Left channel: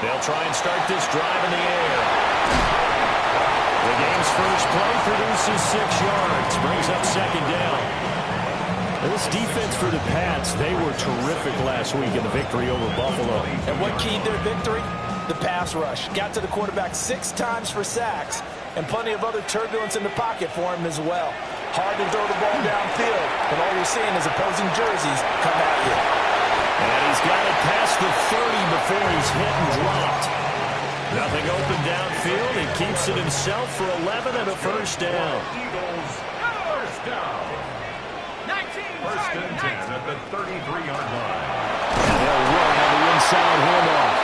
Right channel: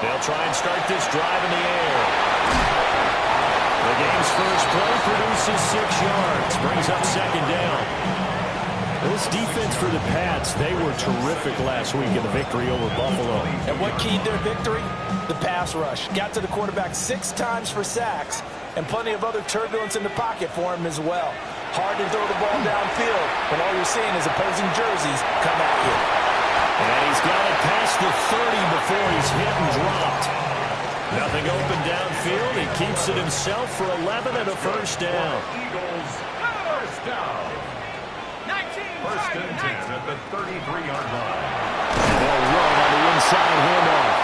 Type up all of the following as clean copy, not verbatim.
They'll try and start this drive in the air. The game's first play produces 6 yards, brings up second down. This defense for the Pats, they were terrific last week in the victory over Buffalo. And what keyed their victory? The pass rush. Got to the quarterback 6 times for sacks, and plenty of other turbulence in the pocket for him as well. Hard to throw the ball downfield when all you're seeing is opposing jerseys come at you. And he's got it past the 30 before he's hit and dropped. Nothing open downfield. He keeps it himself for 11 and a first down. Eagles, first down. 19, first and 10 at the 33-yard line. And they'll run on the inside handoff.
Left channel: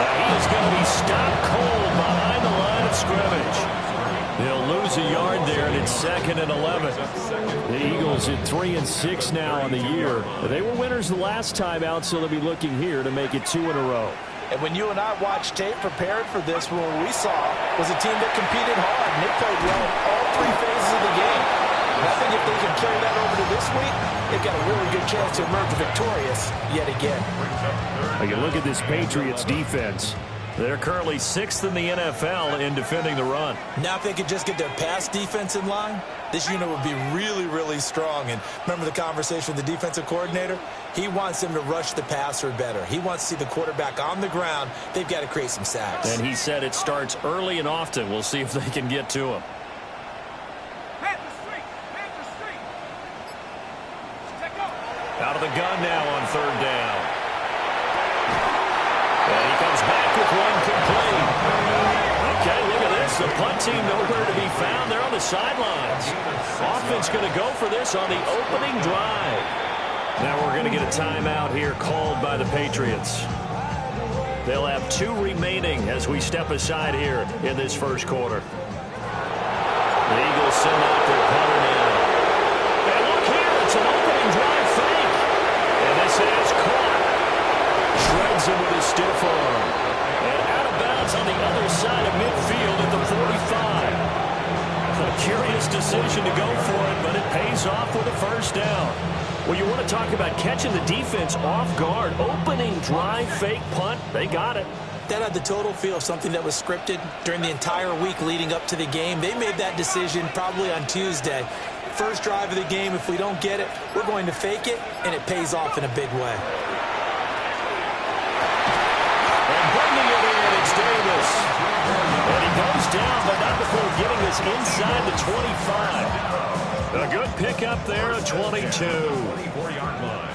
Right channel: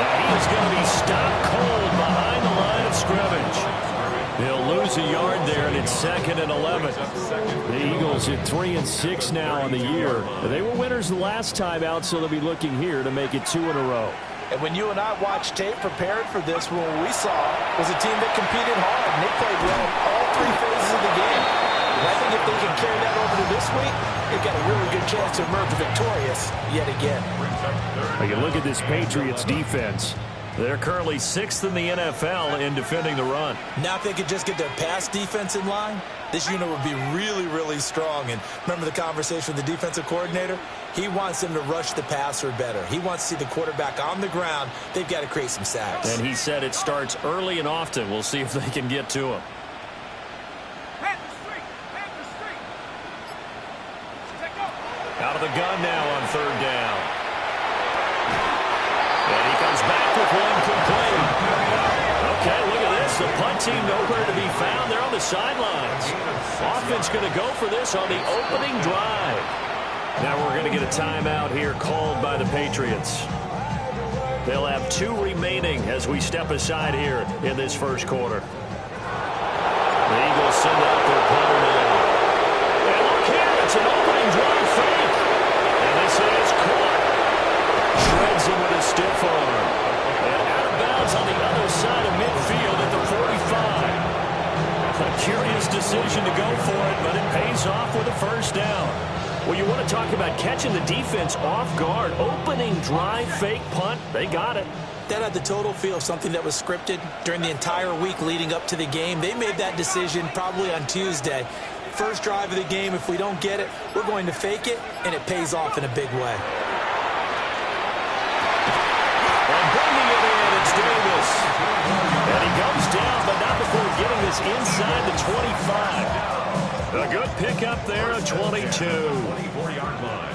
Now he is going to be stopped cold behind the line of scrimmage. They'll lose a yard there, and it's 2nd and 11. The Eagles at 3-6 now on the year. They were winners the last time out, so they'll be looking here to make it 2 in a row. And when you and I watched tape prepared for this, what we saw was a team that competed hard, and they played well in all 3 phases of the game. And I think if they can carry that over to this week, they've got a really good chance to emerge victorious yet again. You look at this Patriots defense. They're currently 6th in the NFL in defending the run. Now if they could just get their pass defense in line, this unit would be really, really strong. And remember the conversation with the defensive coordinator? He wants them to rush the passer better. He wants to see the quarterback on the ground. They've got to create some sacks. And he said it starts early and often. We'll see if they can get to him. Out of the gun now on 3rd down. And he comes back with one complete. Okay, look at this. The punt team nowhere to be found. They're on the sidelines. Offense going to go for this on the opening drive. Now we're going to get a timeout here called by the Patriots. They'll have 2 remaining as we step aside here in this first quarter. The Eagles send out their punter now. And look here, it's an opening drive fake. And this is caught. Shreds him with a stiff arm. And out of bounds on the other side of midfield at the 45. A curious decision to go for it, but it pays off with a first down. Well, you want to talk about catching the defense off guard. Opening drive, fake punt. They got it. That had the total feel of something that was scripted during the entire week leading up to the game. They made that decision probably on Tuesday. First drive of the game, if we don't get it, we're going to fake it, and it pays off in a big way. And bringing it in, it's Davis. And he goes down, but not before getting this inside the 25. A good pickup there, a 22. 24-yard line.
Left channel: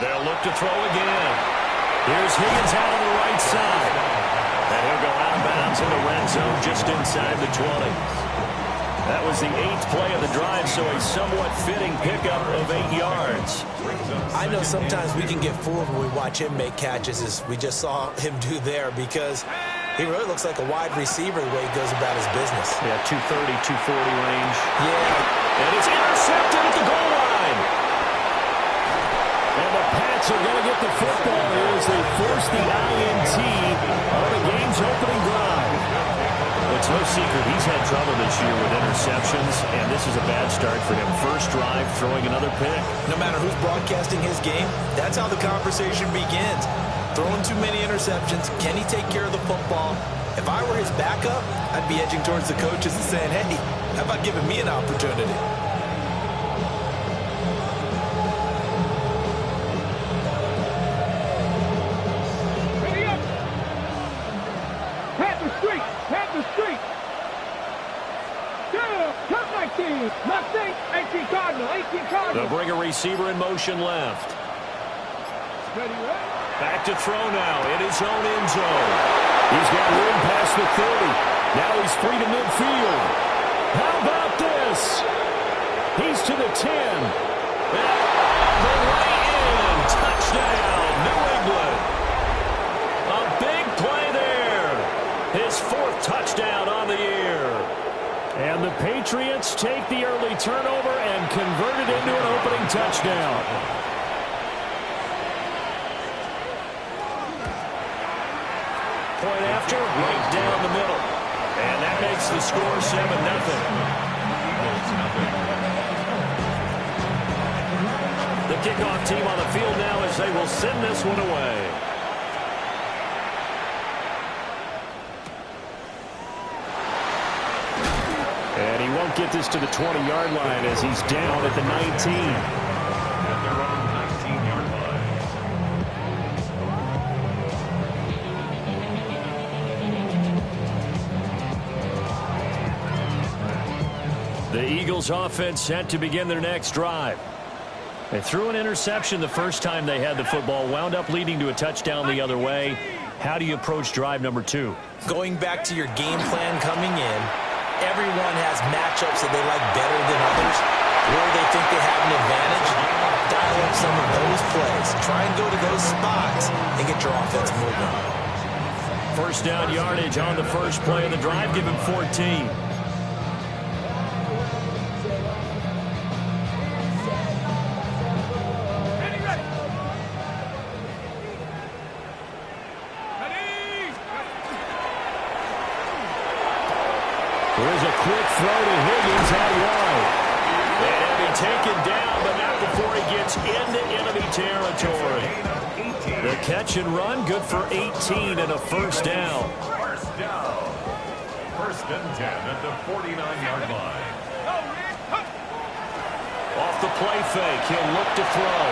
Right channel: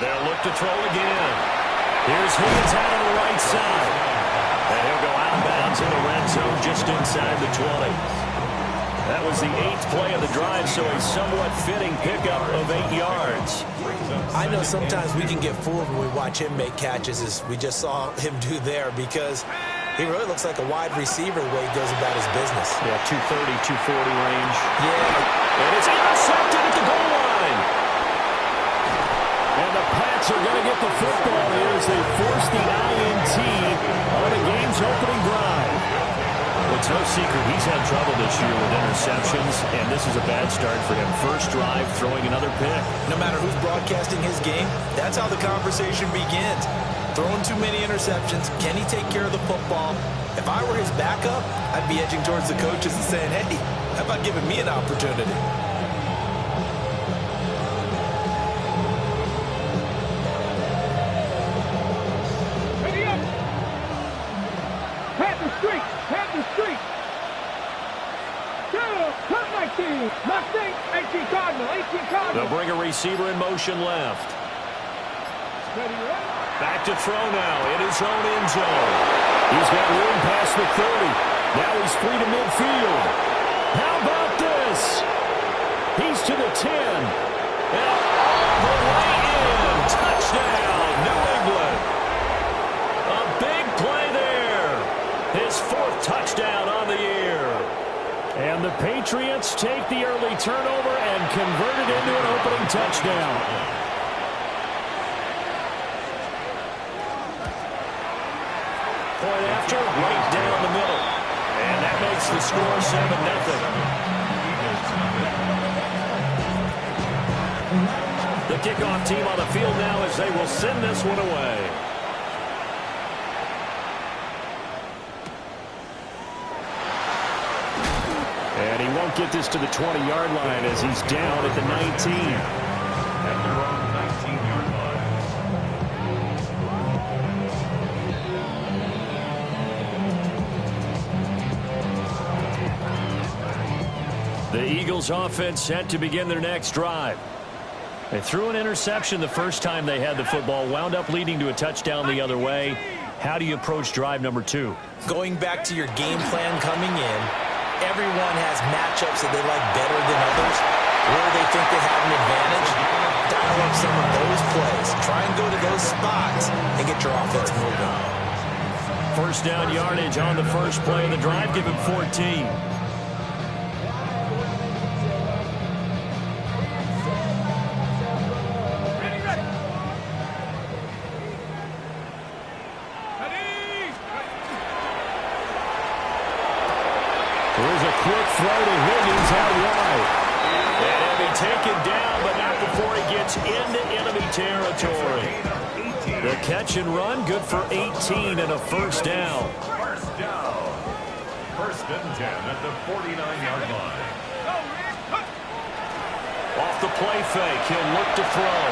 They'll look to throw again. Here's Higgins out on the right side. And he'll go out of bounds in the red zone just inside the 20. That was the 8th play of the drive, so a somewhat fitting pickup of 8 yards. I know sometimes we can get fooled when we watch him make catches, as we just saw him do there, because he really looks like a wide receiver the way he goes about his business. Yeah, 230, 240 range. Yeah. And it's intercepted at the goal line. And the Pats are going to get the football here as they force the INT on the game's opening drive. It's no secret he's had trouble this year with interceptions, and this is a bad start for him. First drive, throwing another pick. No matter who's broadcasting his game, that's how the conversation begins. Throwing too many interceptions, can he take care of the football? If I were his backup, I'd be edging towards the coaches and saying, hey, how about giving me an opportunity? They'll bring a receiver in motion left. Back to throw now in his own end zone. He's got room past the 30. Now he's free to midfield. How about this? He's to the 10. And all the way in. Touchdown, New England. A big play there. His 4th touchdown on the year. And the Patriots take the early turnover and convert it into an opening touchdown. point after, right down the middle. And that makes the score 7-0. The kickoff team on the field now as they will send this one away. And he won't get this to the 20-yard line as he's down at the 19. At their own 19-yard line. The Eagles offense set to begin their next drive. They threw an interception the first time they had the football, wound up leading to a touchdown the other way. How do you approach drive number 2? Going back to your game plan coming in, everyone has matchups that they like better than others, where they think they have an advantage. Dial up some of those plays. Try and go to those spots and get your offense moving. First down yardage on the first play of the drive. Give him 14. There's a quick throw to Higgins out wide. And he'll be taken down, but not before he gets into enemy territory. The catch and run, good for 18 and a first down. First down. First and 10 at the 49-yard line. Off the play fake, he'll look to throw.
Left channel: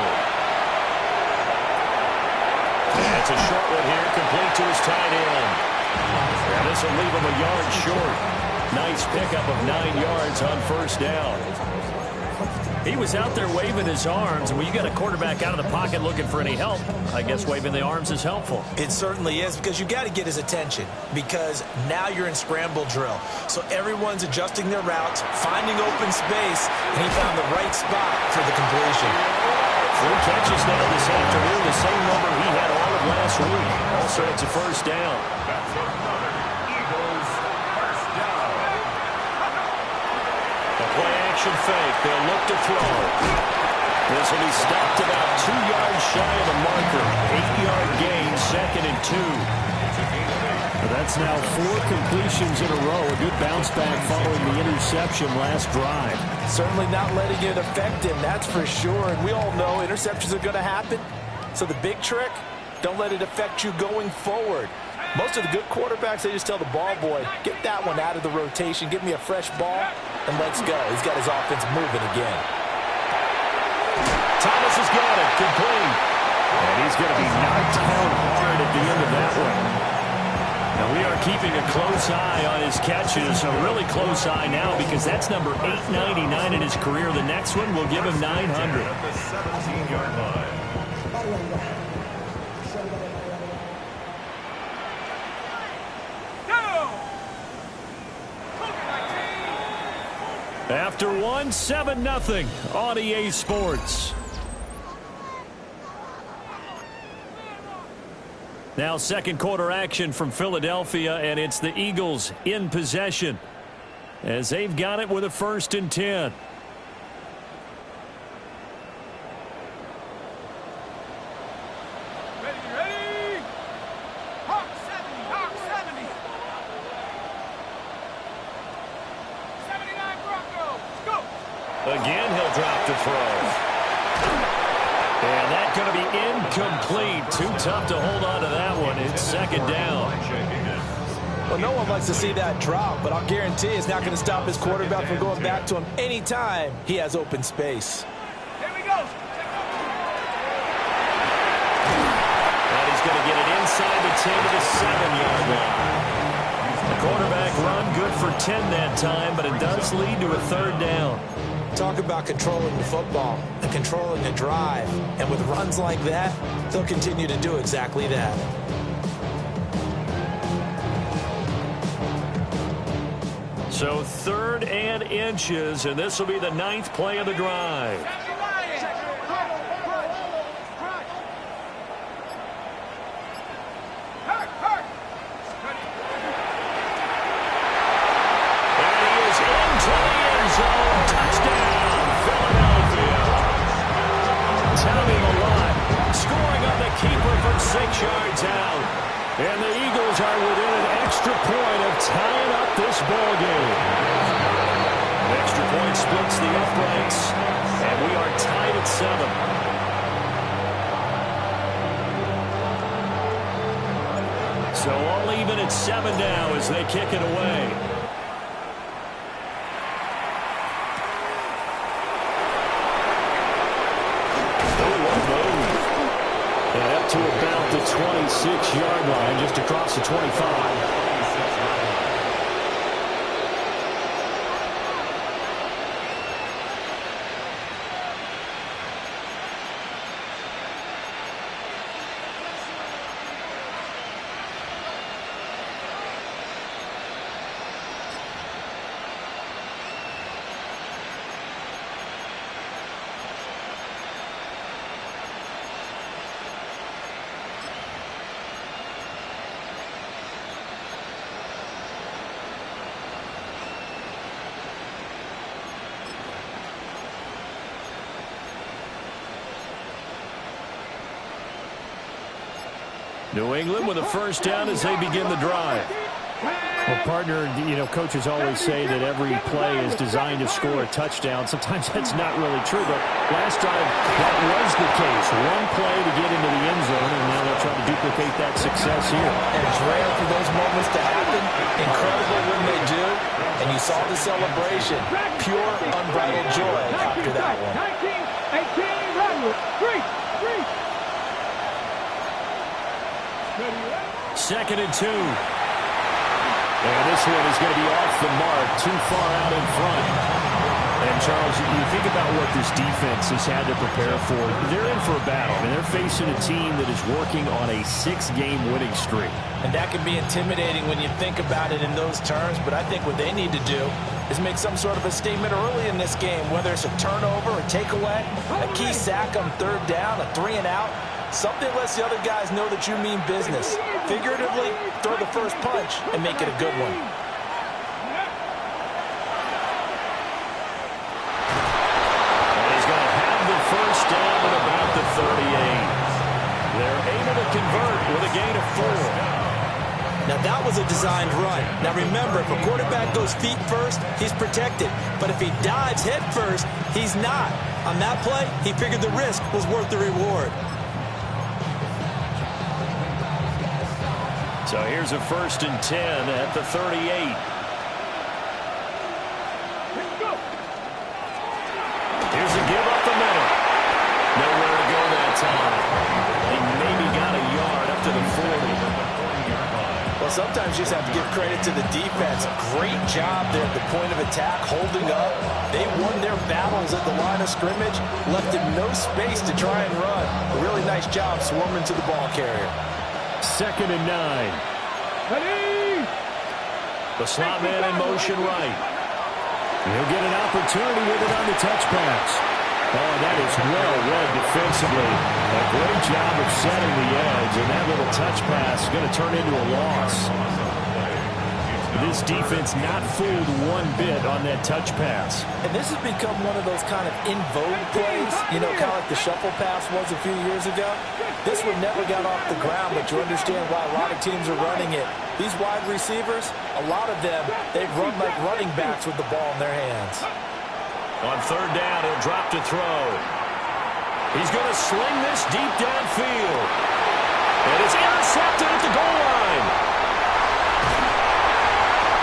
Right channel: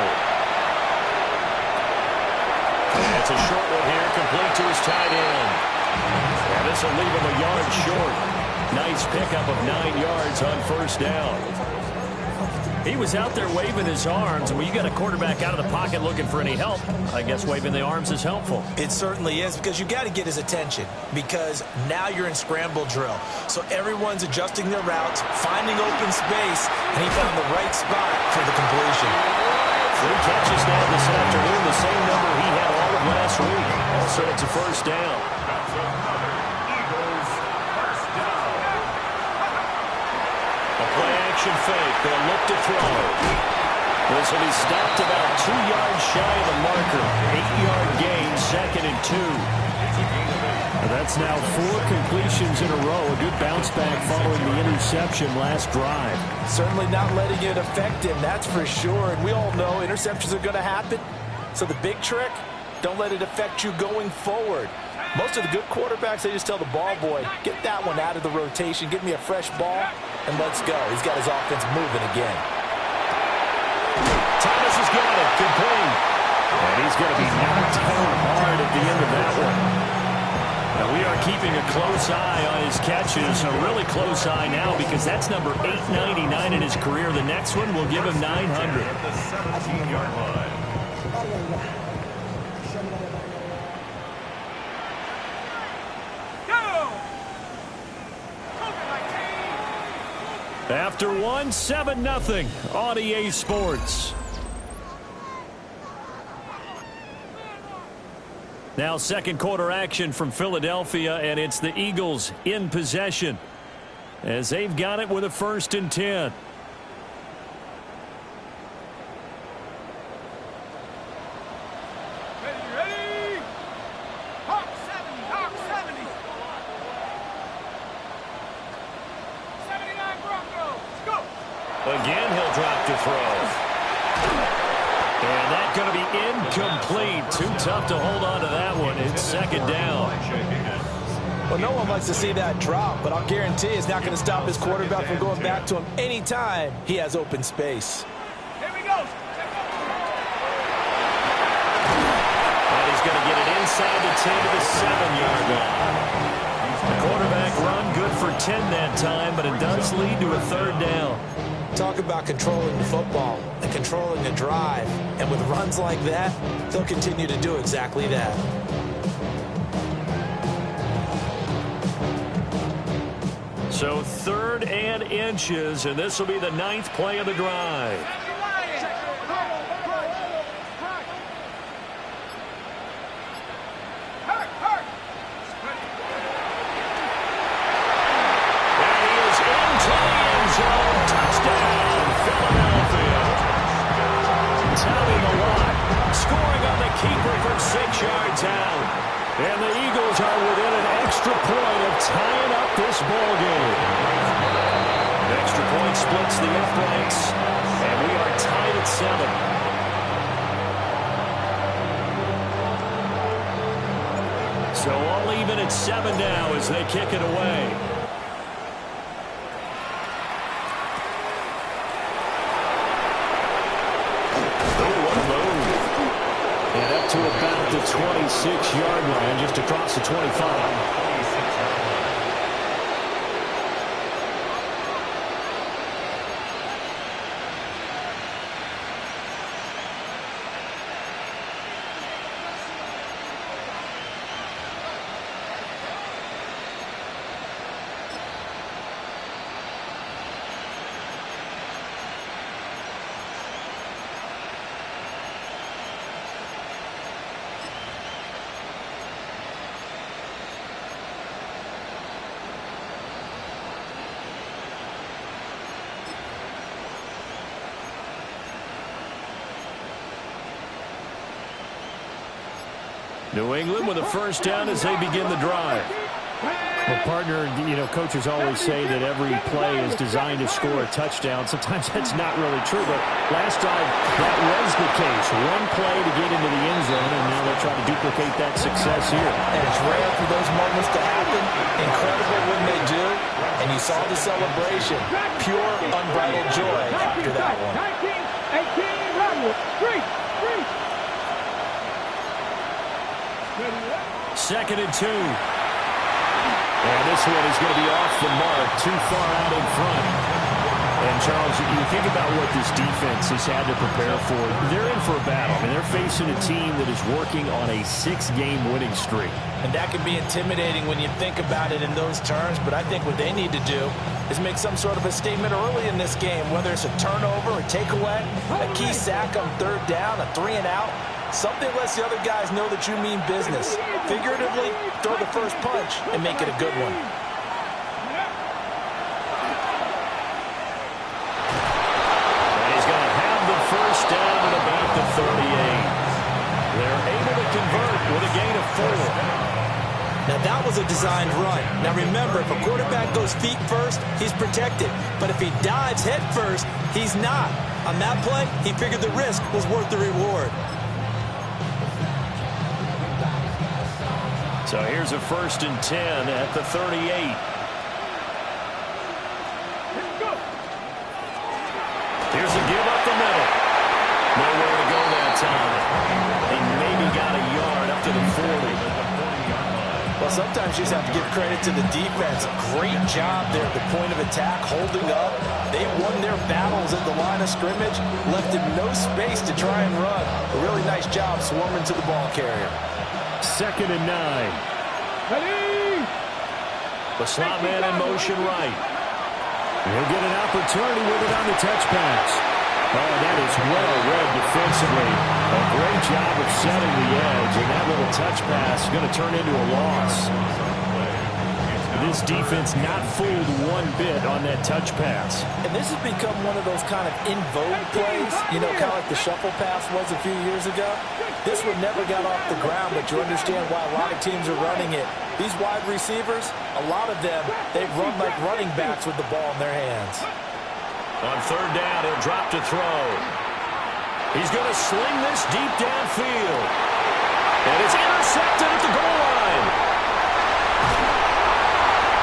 And it's a short one here, complete to his tight end. And this will leave him a yard short. Nice pickup of 9 yards on first down. He was out there waving his arms, and when you got a quarterback out of the pocket looking for any help, I guess waving the arms is helpful. It certainly is, because you got to get his attention, because now you're in scramble drill. So everyone's adjusting their routes, finding open space, and he found the right spot for the completion. 3 catches now this afternoon, the same number he had all of last week. Also, it's a first down. That's another Eagles first down. The play-action fake. They'll look to throw. This will be stopped about 2 yards shy of the marker. 8-yard gain, 2nd and 2. That's now 4 completions in a row. A good bounce back following the interception last drive. Certainly not letting it affect him, that's for sure. And we all know interceptions are going to happen. So the big trick, don't let it affect you going forward. Most of the good quarterbacks, they just tell the ball boy, get that one out of the rotation, give me a fresh ball, and let's go. He's got his offense moving again. Thomas has got it, complete. And he's going to be knocked down hard at the end of that one. Now we are keeping a close eye on his catches, a really close eye now, because that's number 899 in his career. The next one will give him 900. At the 17-yard line. After 7-0 on EA Sports. Now second quarter action from Philadelphia, and it's the Eagles in possession as they've got it with a 1st and 10. Ready? Hawk 70. 79 Broncos, go! Again, he'll drop to throw. And that's going to be incomplete. Too tough to hold on to that one. It's 2nd down. Well, no one likes to see that drop, but I'll guarantee it's not going to stop his quarterback from going back to him anytime he has open space. Here we go. And he's going to get it inside the 10 to the 7-yard line. The quarterback run good for 10 that time, but it does lead to a 3rd down. Talk about controlling the football and controlling a drive. And with runs like that, they'll continue to do exactly that. So 3rd and inches, and this will be the 9th play of the drive. And he is into the end zone. Touchdown, Philadelphia. Tommy Malott scoring on the keeper from 6 yards out. And the Eagles are within an extra point of tying up this ball game. Extra point splits the uprights, and we are tied at 7. So all even at 7 now as they kick it away. Oh, what a move. And up to about the 26-yard line, just across the 25. New England with a first down as they begin the drive. Well, partner, you know, coaches always say that every play is designed to score a touchdown. Sometimes that's not really true, but last time that was the case. One play to get into the end zone, and now they'll try to duplicate that success here. And it's rare for those moments to happen. Incredible when they do. And you saw the celebration. Pure, unbridled joy after that one. 19, 18, run. 3. Second and 2. And this one is going to be off the mark, too far out in front. And, Charles, you think about what this defense has had to prepare for. They're in for a battle. I mean, they're facing a team that is working on a 6-game winning streak. And that can be intimidating when you think about it in those terms. But I think what they need to do is make some sort of a statement early in this game, whether it's a turnover, a takeaway, a key sack on third down, a 3-and-out. Something lets the other guys know that you mean business. Figuratively, throw the first punch and make it a good one. And he's going to have the first down at about the 38. They're able to convert with a gain of 4. Now, that was a designed run. Now, remember, if a quarterback goes feet first, he's protected. But if he dives head first, he's not. On that play, he figured the risk was worth the reward. So here's a 1st and 10 at the 38. Here's a give up the middle. Nowhere to go that time. He maybe got a yard up to the 40. Well, sometimes you just have to give credit to the defense. Great job there at the point of attack, holding up. They won their battles at the line of scrimmage, left him no space to try and run. A really nice job swarming to the ball carrier. 2nd and 9. Ready? The slot man in motion right. He'll get an opportunity with it on the touch pass. Oh, that is well read defensively. A great job of setting the edge, and that little touch pass is going to turn into a loss. This defense not fooled one bit on that touch pass. And this has become one of those kind of in vogue plays, you know, kind of like the shuffle pass was a few years ago. This one never got off the ground, but you understand why a lot of teams are running it. These wide receivers, a lot of them, they run like running backs with the ball in their hands. On third down, he'll drop to throw. He's going to sling this deep downfield. And it's intercepted at the goal line.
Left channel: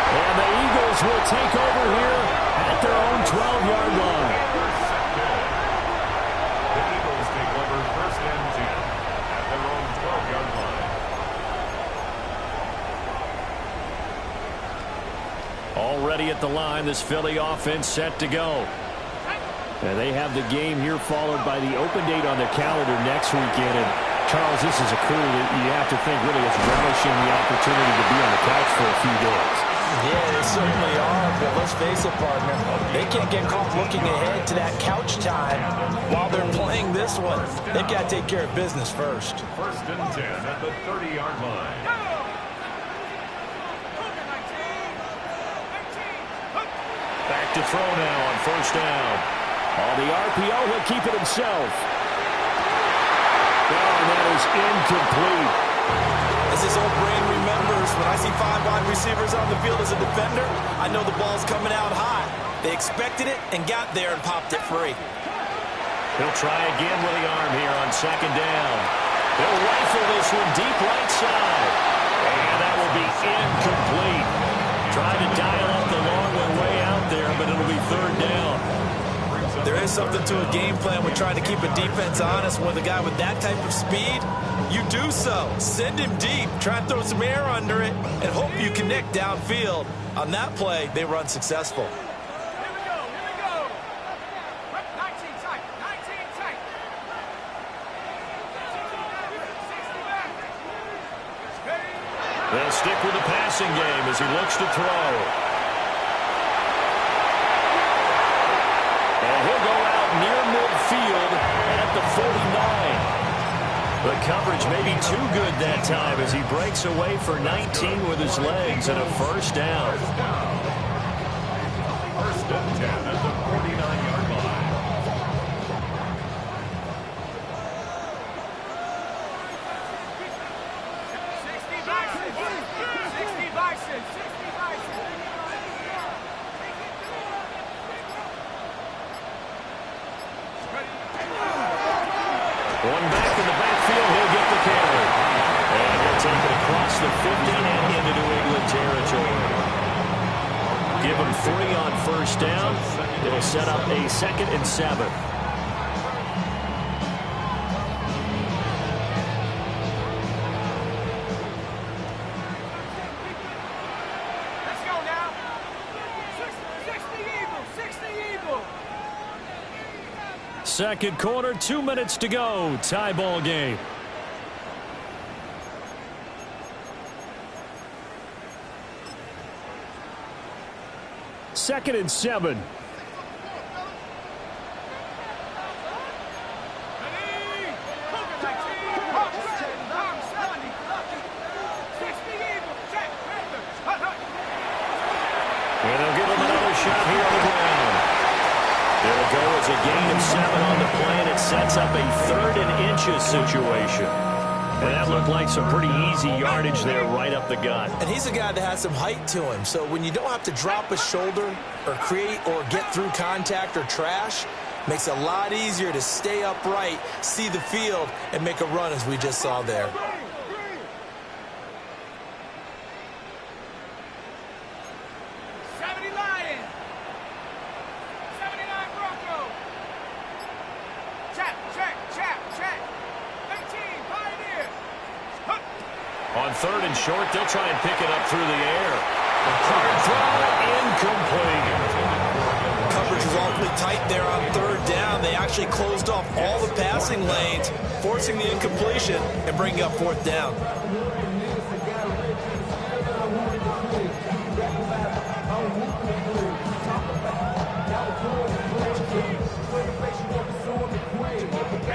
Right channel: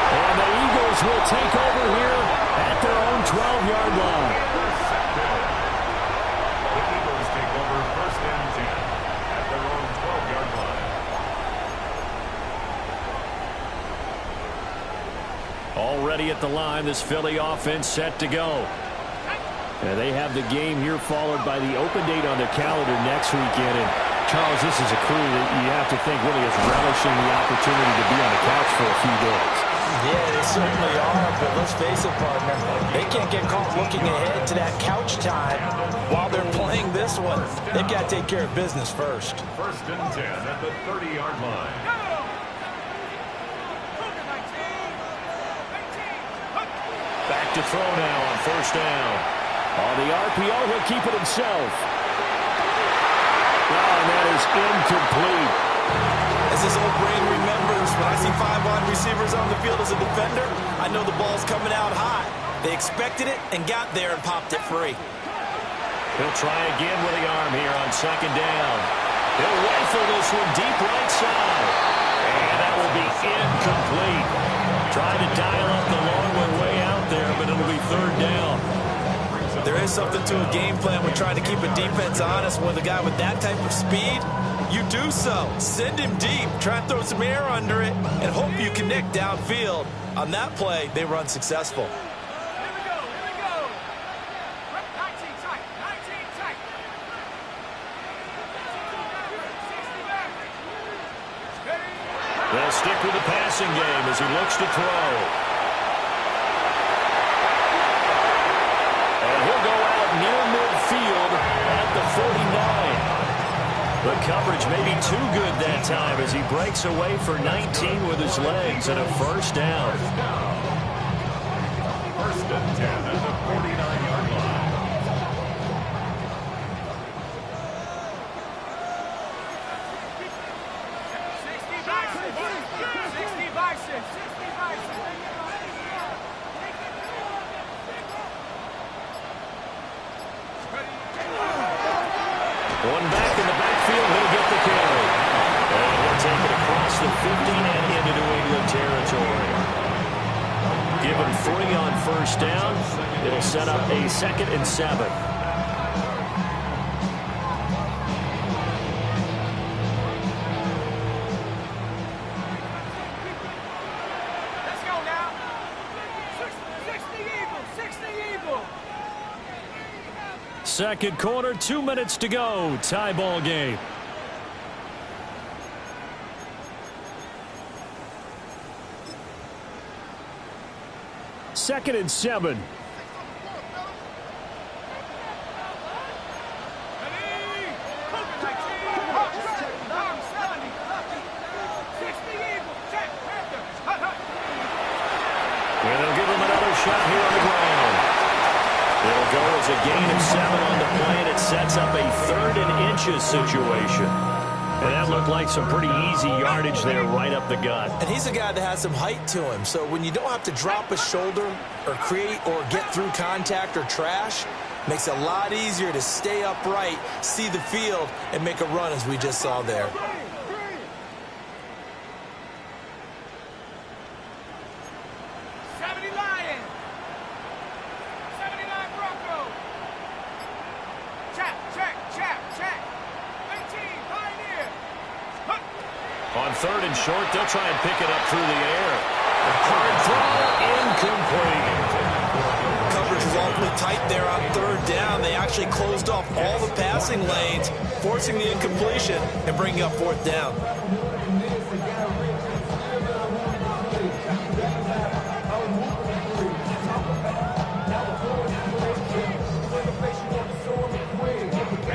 And the Eagles will take over here at their own 12-yard line. The Eagles take over 1st and 10 at their own 12-yard line. Already at the line, this Philly offense set to go. And they have the game here followed by the open date on their calendar next weekend. And Charles, this is a crew that you have to think really is relishing the opportunity to be on the couch for a few days. Yeah, they certainly are, but let's face it, partner. They can't get caught looking ahead to that couch time while they're playing this one. They've got to take care of business first. 1st and 10 at the 30-yard line. Back to throw now on 1st down. On the RPO, he'll keep it himself. Oh, and that is incomplete. As his old brain remembers, when I see 5 wide receivers on the field as a defender, I know the ball's coming out hot. They expected it and got there and popped it free. He'll try again with the arm here on second down. He'll rifle this one deep right side. And that will be incomplete. Trying to dial up the long one way out there, but it'll be third down. There is something to a game plan with trying to keep a defense honest. With a guy with that type of speed, you do so. Send him deep, try and throw some air under it, and hope you connect downfield. On that play, they were unsuccessful. Here we go. 19 tight. 19 tight. 60 back. They'll stick with the passing game as he looks to throw. And he'll go out near midfield at the 49. The coverage may be too good that time as he breaks away for 19 with his legs and a first down. First and 10 at the 49-yard line. One back in the backfield, he'll get the carry. And he'll take it across the 50 and into New England territory. Give him 3 on first down. It'll set up a 2nd and 7. Let's go now. 60 Eagles. 60 Eagles. Second quarter, 2 minutes to go. Tie ball game. Second and 7. And they'll give him another shot here on the ground. It'll go as a gain of 7 on the play, and it sets up a 3rd and inches situation. And that looked like some pretty easy yardage there right up the gut. And he's a guy that has some height to him, so when you don't have to drop a shoulder or create or get through contact or trash, makes it a lot easier to stay upright, see the field, and make a run as we just saw there. On 3rd and short, they'll try and pick it up through the air. The hard throw, incomplete. Coverage was awfully tight there on 3rd down. They actually closed off all the passing lanes, forcing the incompletion and bringing up 4th down.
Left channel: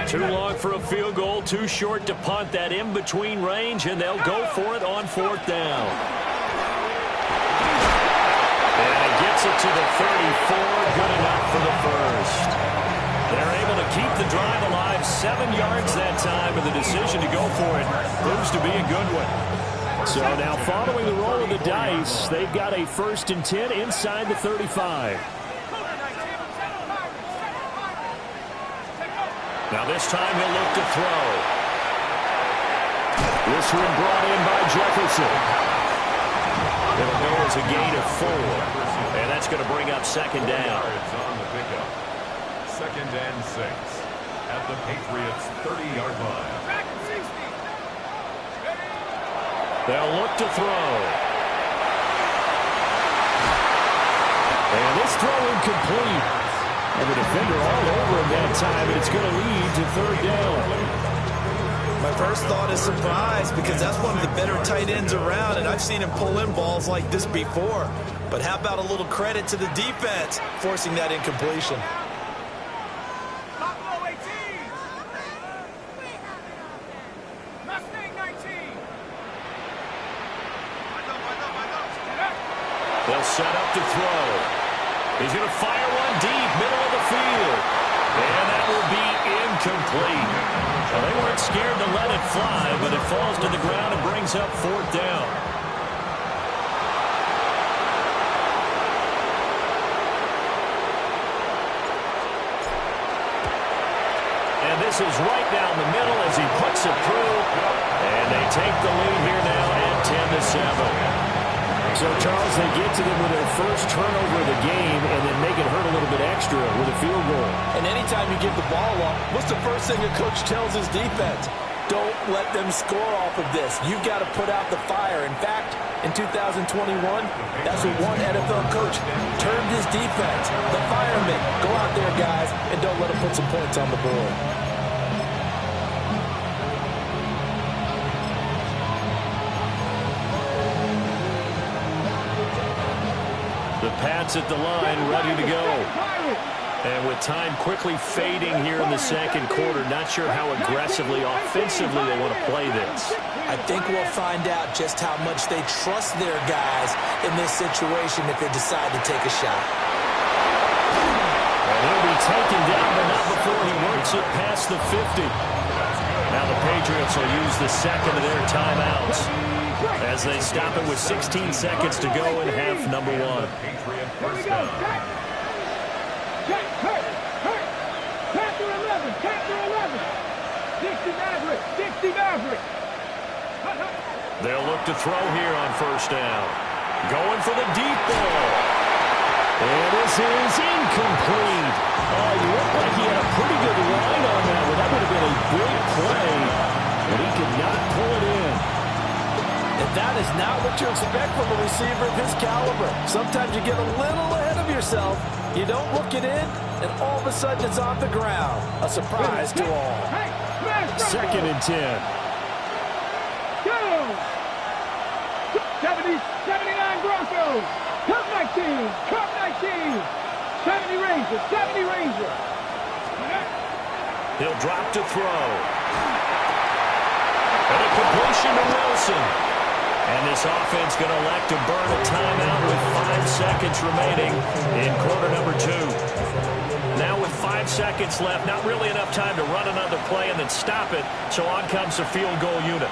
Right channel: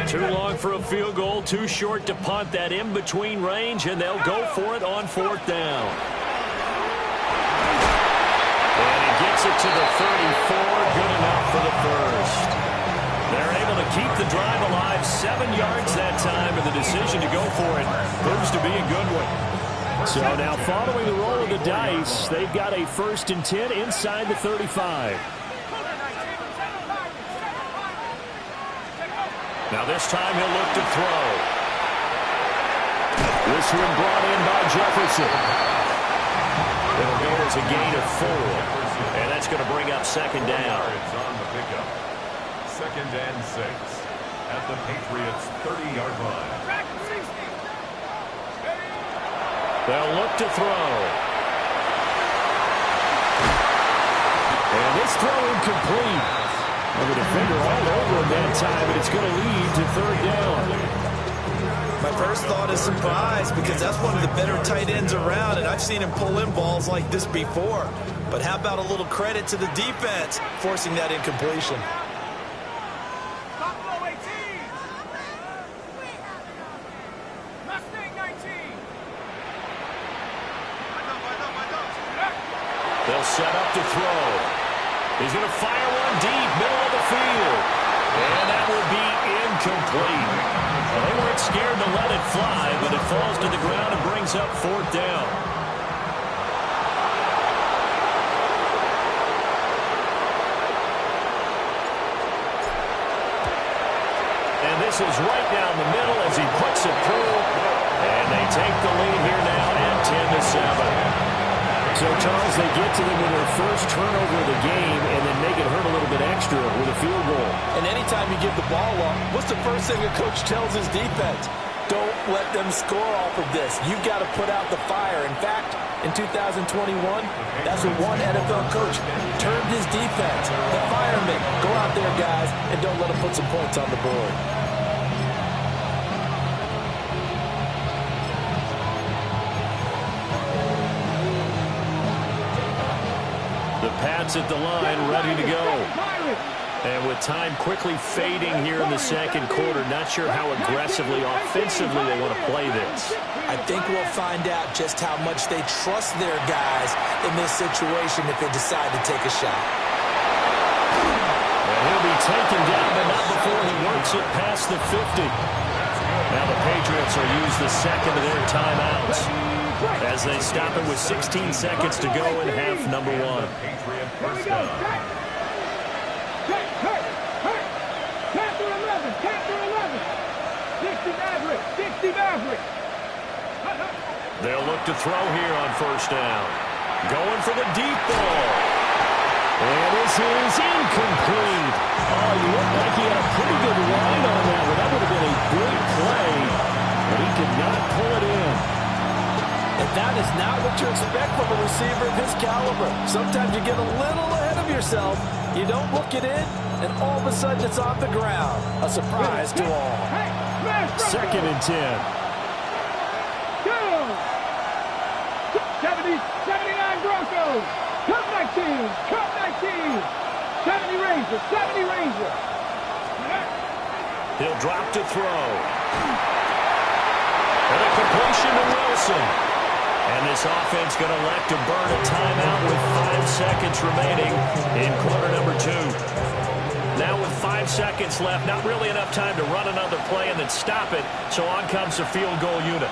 Too long for a field goal, too short to punt. That in-between range, and they'll go for it on 4th down. And he gets it to the 34, good enough for the first. They're able to keep the drive alive, 7 yards that time, and the decision to go for it proves to be a good one. So now following the roll of the dice, they've got a 1st and 10 inside the 35. Now this time he'll look to throw. This one brought in by Jefferson. It'll go as a gain of 4. And that's going to bring up 2nd down. It's on the pickup. 2nd and 6 at the Patriots 30-yard line. They'll look to throw. And this throw incomplete. And the defender all over him that time, and it's going to lead to 3rd down. My first thought is surprise, because that's one of the better tight ends around, and I've seen him pull in balls like this before. But how about a little credit to the defense forcing that incompletion? They'll set up to throw. He's going to fire one deep, middle of the field. And that will be incomplete. Well, they weren't scared to let it fly, but it falls to the ground and brings up 4th down. And this is right down the middle as he puts it through. And they take the lead here now at 10-7. So, Charles, they get to them with their first turnover of the game and then make it hurt a little bit extra with a field goal. And anytime you give the ball up, what's the first thing a coach tells his defense? Don't let them score off of this. You've got to put out the fire. In fact, in 2021, that's what one NFL coach termed his defense. The firemen. Go out there, guys, and don't let them put some points on the board. The Pats at the line, ready to go. And with time quickly fading here in the second quarter, not sure how aggressively, offensively they want to play this. I think we'll find out just how much they trust their guys in this situation if they decide to take a shot. And he'll be taken down, but not before he works it past the 50. Now the Patriots will use the second of their timeouts as they stop it with 16 seconds to go in half number 1. Here we go. Capture 11. Capture 11. 60 Maverick. 60 Maverick. They'll look to throw here on 1st down. Going for the deep ball. And this is incomplete. Oh, he looked like he had a pretty good line on that one. That would have been a big play, but he could not pull it in. And that is not what you expect from a receiver of his caliber. Sometimes you get a little ahead of yourself. You don't look it in, and all of a sudden it's off the ground. A surprise to all. 2nd and 10. Go! 70, 79 Broncos. Cup 19. Cup 19. 70 Ranger. 70 Ranger. He'll drop to throw. And a completion to Wilson. And this offense going to elect to burn a timeout with 5 seconds remaining in quarter number 2. Now with 5 seconds left, not really enough time to run another play and then stop it, so on comes the field goal unit.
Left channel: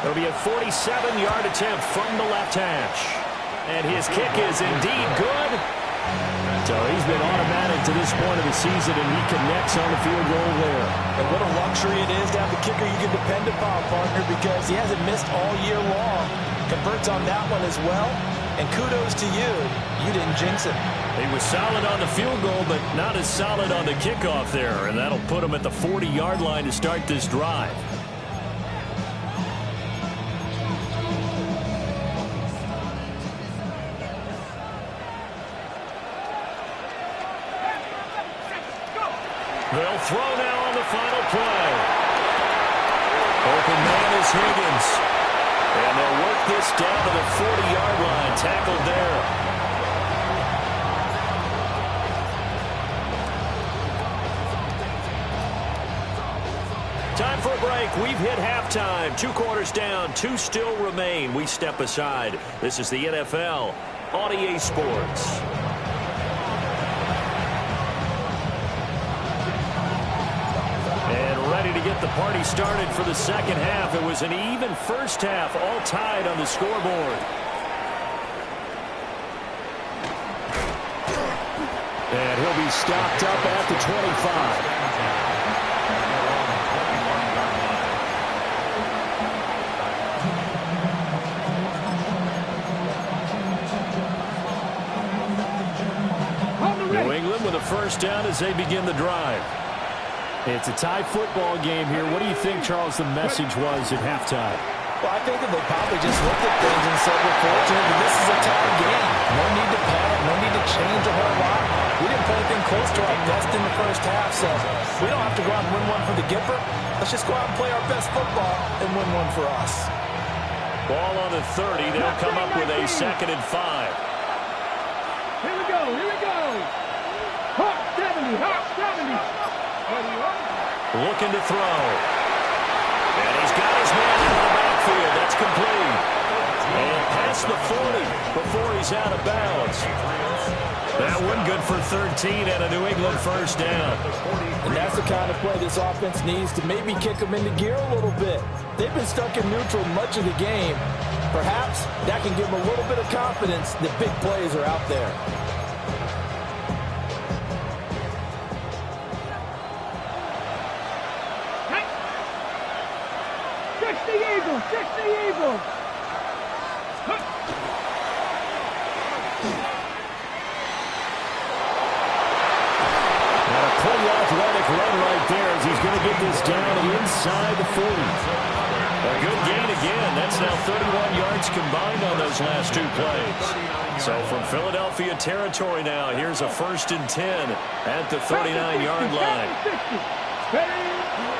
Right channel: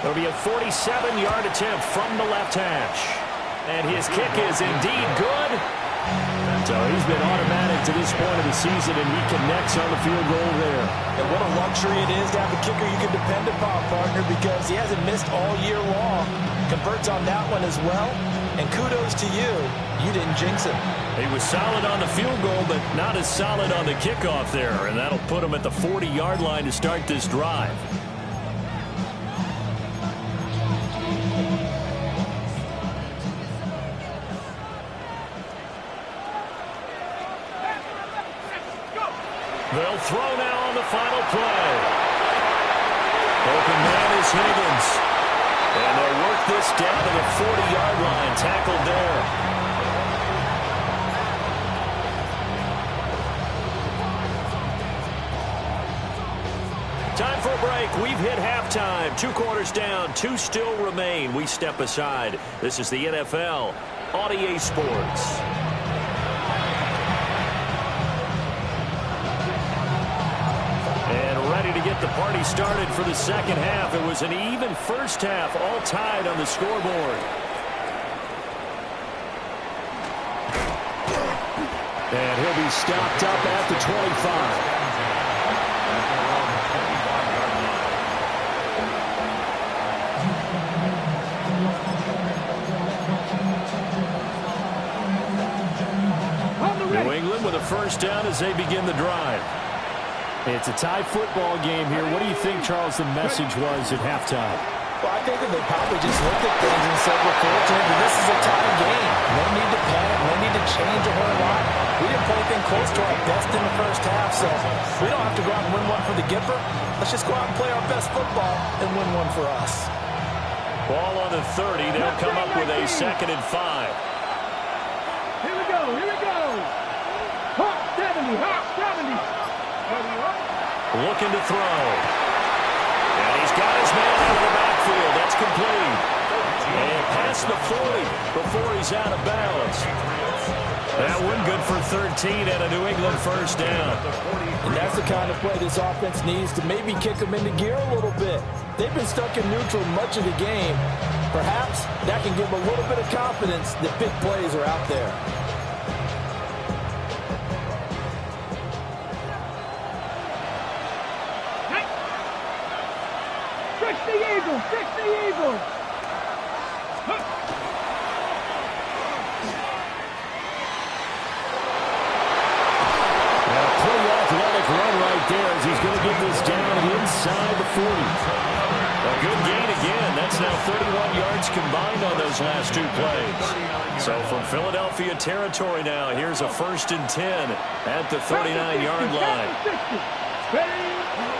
It'll be a 47-yard attempt from the left hash. And his kick is indeed good. So he's been automatic to this point of the season, and he connects on the field goal there. And what a luxury it is to have a kicker you can depend upon, partner, because he hasn't missed all year long. Converts on that one as well. And kudos to you. You didn't jinx him. He was solid on the field goal, but not as solid on the kickoff there. And that'll put him at the 40-yard line to start this drive. They'll throw now on the final play. Open man is Higgins. And they'll work this down to the 40-yard line. Tackled there. Time for a break. We've hit halftime. 2 quarters down. 2 still remain. We step aside. This is the NFL on EA Sports. And ready to get the party started for the second half. It was an even first half, all tied on the scoreboard. And he'll be stopped up at the 25. New England with a first down as they begin the drive. It's a tie football game here. What do you think, Charles, the message was at halftime? Well, I think that they probably just looked at things and said, we're fortunate that this is a tie game. No need to panic. No need to change a whole lot. We didn't play anything close to our best in the first half, so we don't have to go out and win one for the Gipper. Let's just go out and play our best football and win one for us. Ball on the 30. They'll come up with a 2nd and 5. Here we go. Here we go. Hawk 70. Hawk 70. Looking to throw. And he's got his man out of the backfield. That's complete. And past the 40 before he's out of bounds. That one good for 13 and a New England first down. And that's the kind of play this offense needs to maybe kick them into gear a little bit. They've been stuck in neutral much of the game. Perhaps that can give them a little bit of confidence that big plays are out there. Fix the Eagles! And a pretty athletic run right there as he's going to get this down inside the 40. A good gain again. That's now 31 yards combined on those last two plays. So from Philadelphia territory now, here's a 1st and 10 at the 39-yard line.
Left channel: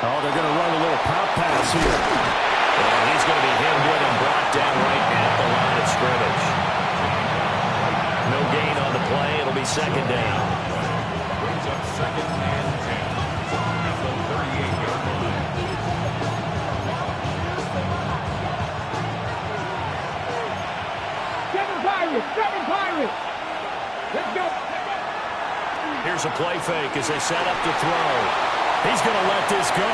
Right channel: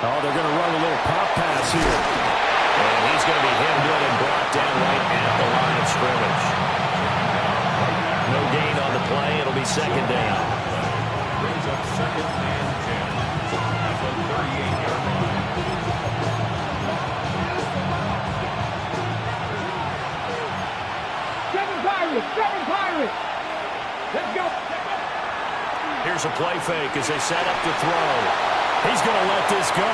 Oh, they're going to run a little pop pass here. And he's going to be hemmed in and brought down right at the line of scrimmage. No gain on the play. It'll be 2nd down. Brings up 2nd and 10 at the 38-yard line. Seven Pirates! Let's go! Here's a play fake as they set up to throw. He's going to let this go.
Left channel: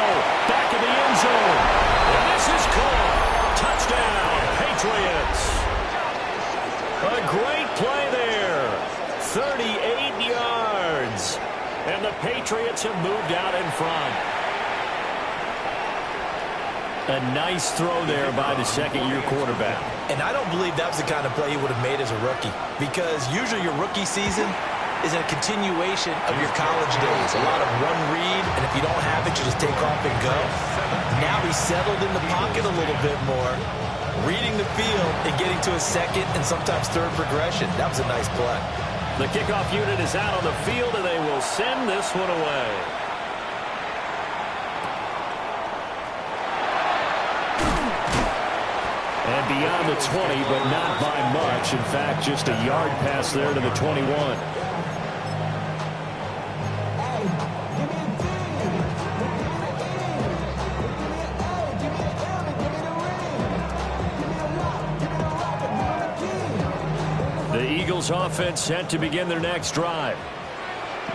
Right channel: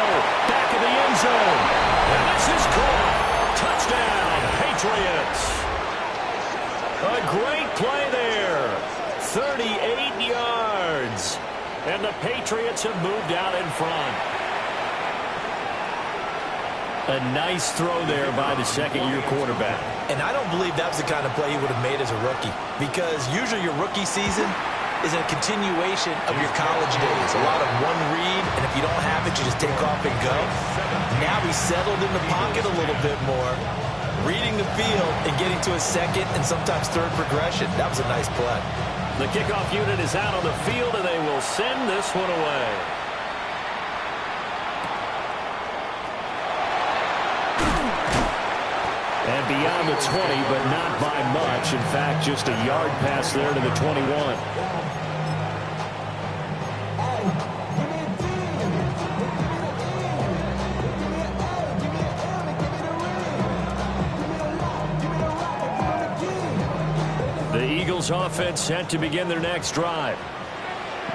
Back in the end zone. And this is caught. Touchdown, Patriots. A great play there. 38 yards. And the Patriots have moved out in front. A nice throw there by the second-year quarterback. And I don't believe that was the kind of play he would have made as a rookie, because usually your rookie season is a continuation of your college days. A lot of one read, and if you don't have it, you just take off and go. Now he's settled in the pocket a little bit more, reading the field and getting to his second and sometimes third progression. That was a nice play. The kickoff unit is out on the field, and they will send this one away. And beyond the 20, but not by much. In fact, just a yard pass there to the 21. The Eagles offense set to begin their next drive.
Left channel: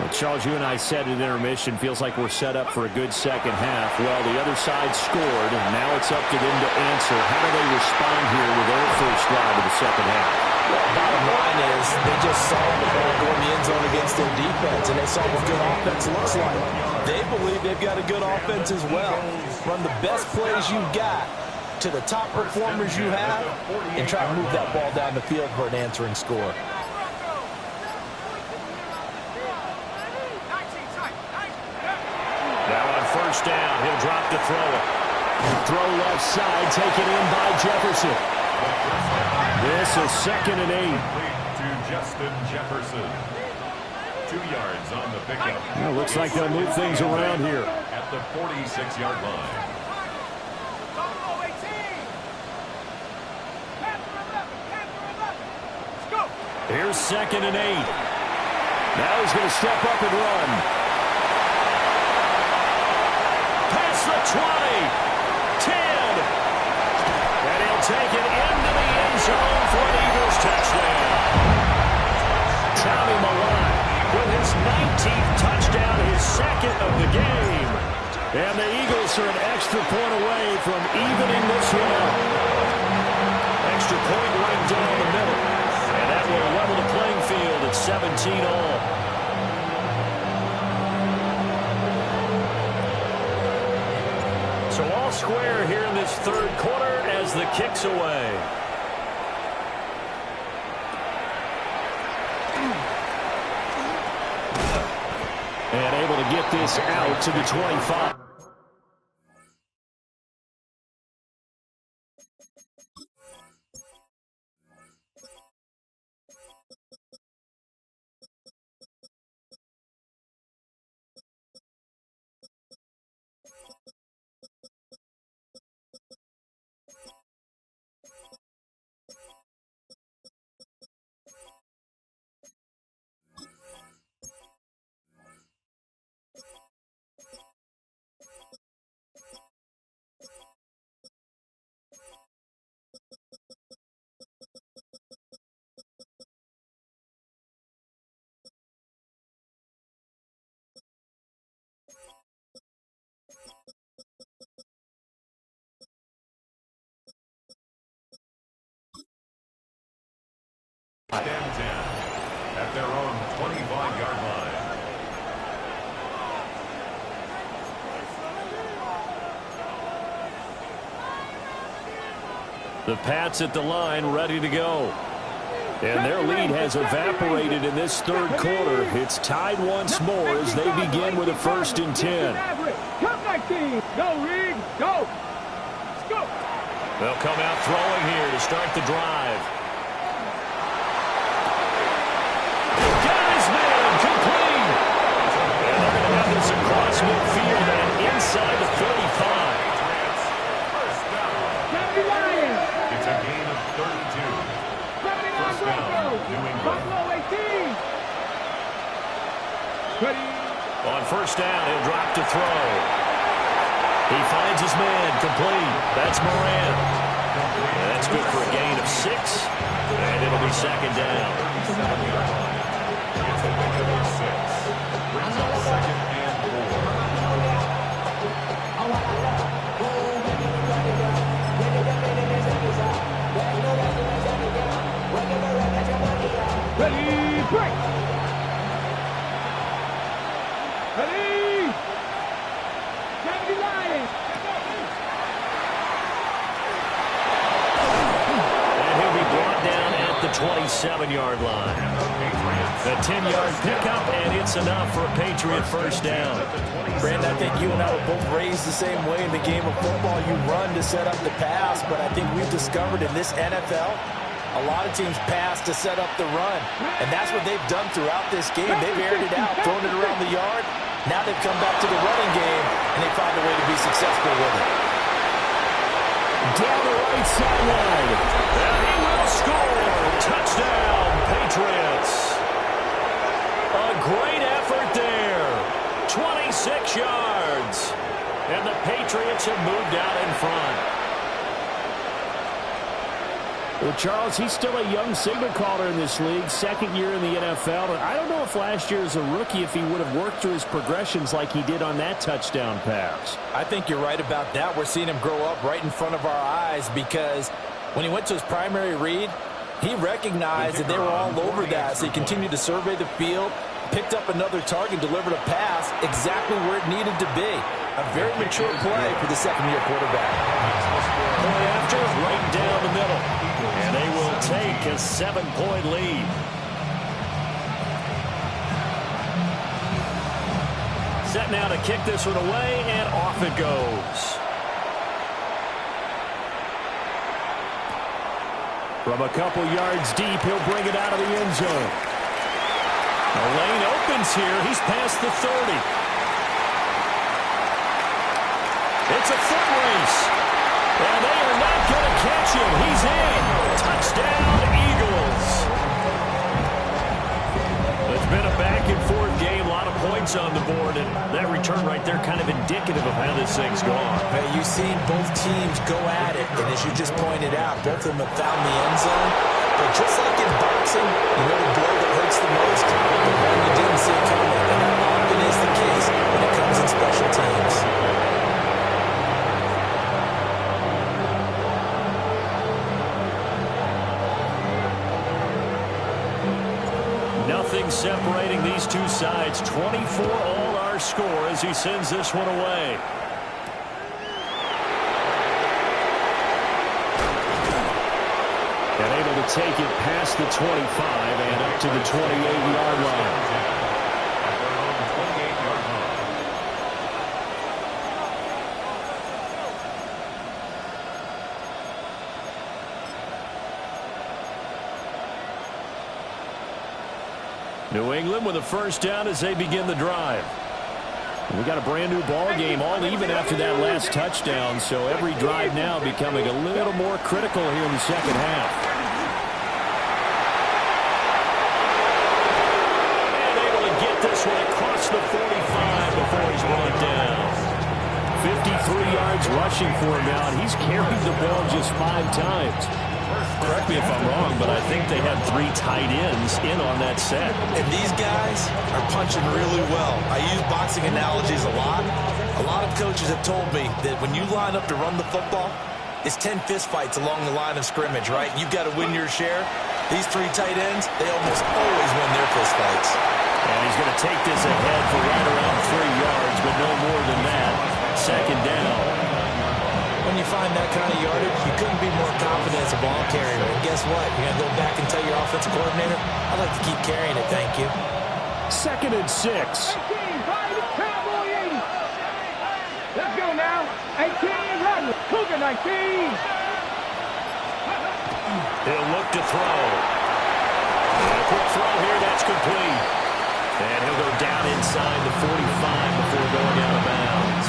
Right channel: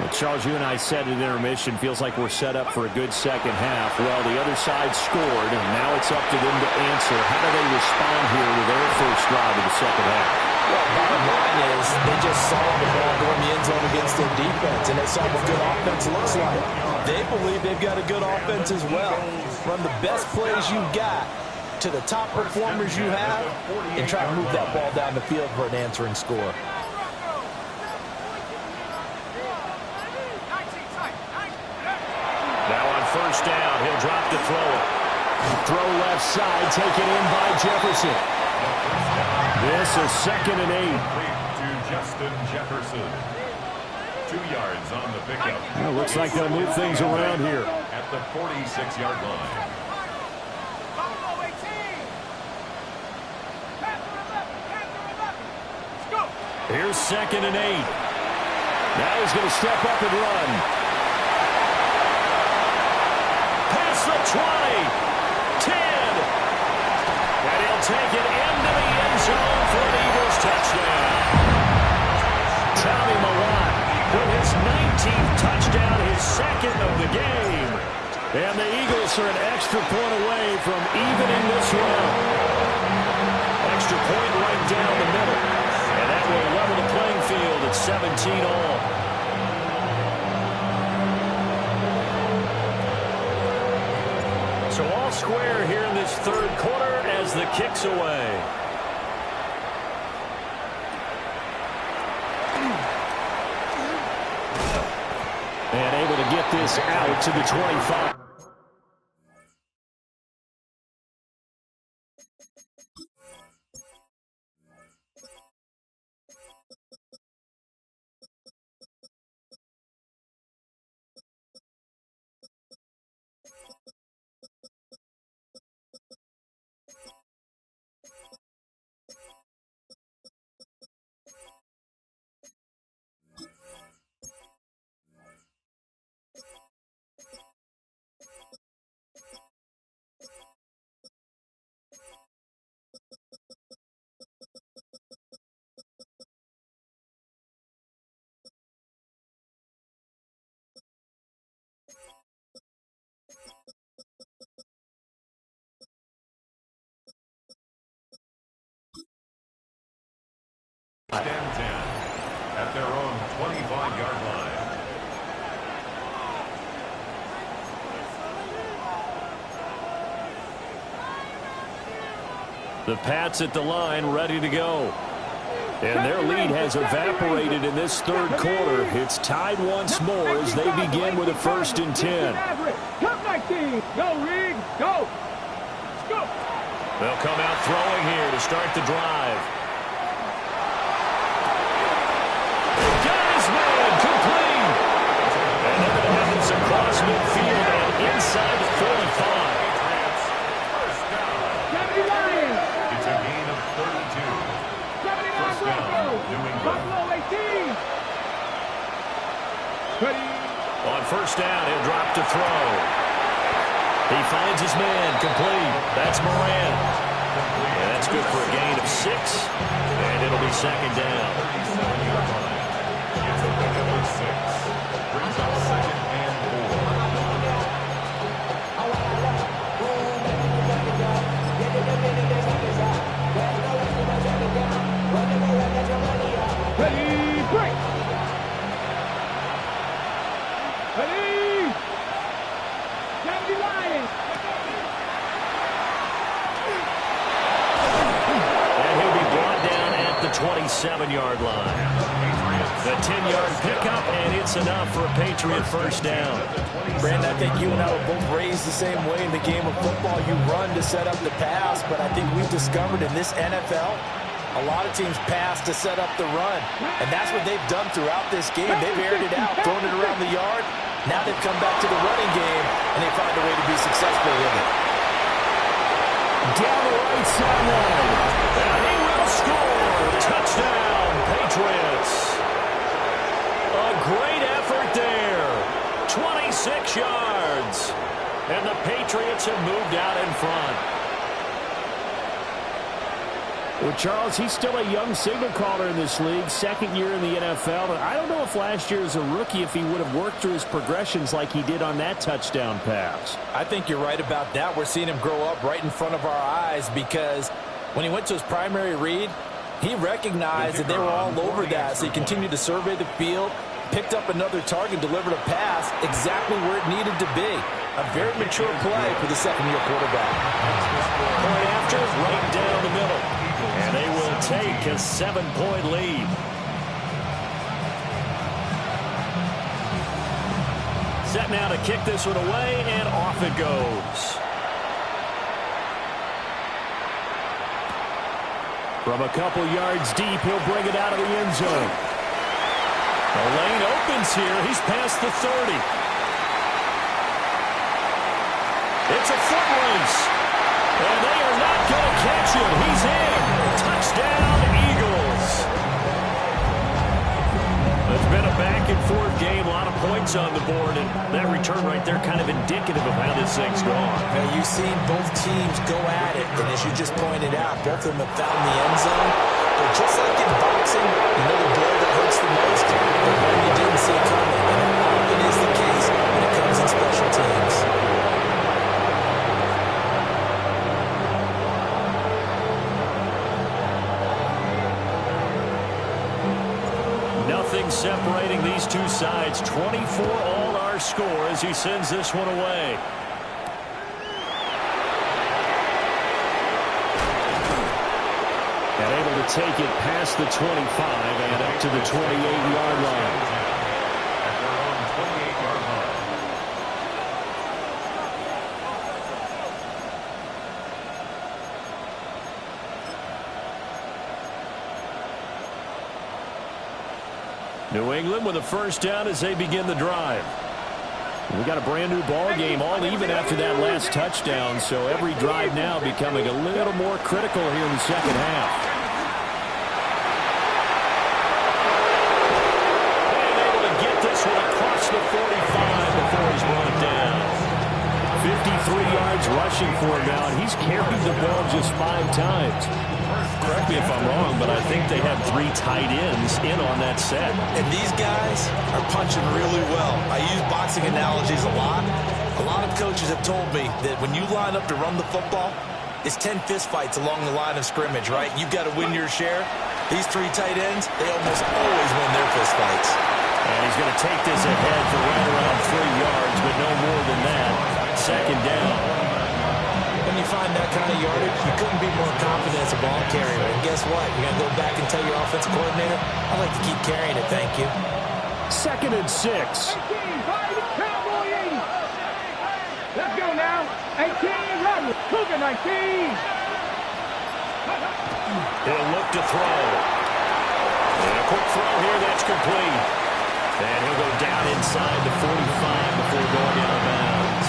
Well, Charles, you and I said at intermission, feels like we're set up for a good second half. Well, the other side scored, and now it's up to them to answer. How do they respond here with their first drive of the second half? Well, bottom line is they just saw the ball go in the end zone against their defense, and they saw what good offense looks like. They believe they've got a good offense as well. Run the best plays you've got to the top performers you have, and try to move that ball down the field for an answering score. Now on first down, he'll drop to throw it. Throw left side, taken in by Jefferson. This is 2nd and 8. To Justin Jefferson. 2 yards on the pickup. Well, looks like they'll move things around here. At the 46-yard line. Here's 2nd and 8. Now he's going to step up and run. Past the 20. 10. And he'll take it into the end zone for an Eagles touchdown. Tommy Milot with his 19th touchdown, his 2nd of the game. And the Eagles are an extra point away from evening this one up. Extra point right down the middle. And that will level the playing field at 17 all. So all square here in this third quarter as the kick's away. And able to get this out to the 25. and 10 at their own 25-yard line. The Pats at the line, ready to go. And their lead has evaporated in this third quarter. It's tied once more as they begin with a 1st and 10. Come 19. Go, Reed. Go. Let's go. They'll come out throwing here to start the drive. Got his man, complete. And they're going to have this across midfield and inside the 45. Patriots, first down. 70 Lions. It's a gain of 32. 79 First down, Broncos. New England. Buffalo 18. Ready. On first down, he'll drop to throw. He finds his man, complete. That's Moran. And that's good for a gain of 6. And it'll be 2nd down. 37-yard line. It's a pickup of 6. Brings up 2nd and 4. Ready, break. Ready. 70 Lions. And he'll be brought down at the 27-yard line. The 10-yard pickup, and it's enough for a Patriot first down. Brandon, I think you and I were both raised the same way in the game of football. You run to set up the pass, but I think we've discovered in this NFL, a lot of teams pass to set up the run. And that's what they've done throughout this game. They've aired it out, thrown it around the yard. Now they've come back to the running game, and they find a way to be successful with it. Down the right sideline. And he will score. Touchdown, Patriots. A great effort there. 26 yards. And the Patriots have moved out in front. Well, Charles, he's still a young signal caller in this league, 2nd year in the NFL. And I don't know if last year as a rookie, if he would have worked through his progressions like he did on that touchdown pass. I think you're right about that. We're seeing him grow up right in front of our eyes because when he went to his primary read, he recognized that they were all over that. So he continued to survey the field, picked up another target, delivered a pass exactly where it needed to be. A very mature play for the 2nd-year quarterback. Point after, right down the middle. And they will take a 7-point lead. Set now to kick this one away, and off it goes. From a couple yards deep, he'll bring it out of the end zone. The lane opens here. He's past the 30. It's a foot race. And they are not going to catch him. He's in. Touchdown, Eagles. It's been a back-and-forth game. A lot of points on the board. And that return right there kind of indicative of how this thing's gone. Man, you've seen both teams go at it. And as you just pointed out, both of them have found the end zone. But just like in boxing, you know the blow that hurts the most? The one you didn't see coming. And that often is the case when it comes in special teams. Nothing separating these two sides. 24 all our score as he sends this one away. And able to take it past the 25 and up to the 28-yard line. At their own 28-yard line. New England with a first down as they begin the drive. We got a brand new ball game, all even after that last touchdown, so every drive now becoming a little more critical here in the second half. And able to get this one across the 45 before he's brought down. 53 yards rushing for him now, and he's carried the ball just 5 times. Correct me if I'm wrong, but I think they had 3 tight ends in on that set. And these guys are punching really well. I use boxing analogies a lot. A lot of coaches have told me that when you line up to run the football, it's 10 fist fights along the line of scrimmage, right? You've got to win your share. These three tight ends, they almost always win their fist fights. And he's going to take this ahead for right around 3 yards, but no more than that. Second down. When you find that kind of yardage, you couldn't be more confident as a ball carrier. And guess what? You're going to go back and tell your offensive coordinator, I'd like to keep carrying it, thank you. 2nd and 6. 18, Cowboy 80. Let's go now. 18, Rodgers. Cougar 19. He'll look to throw. And a quick throw here, that's complete. And he'll go down inside the 45 before going out of bounds.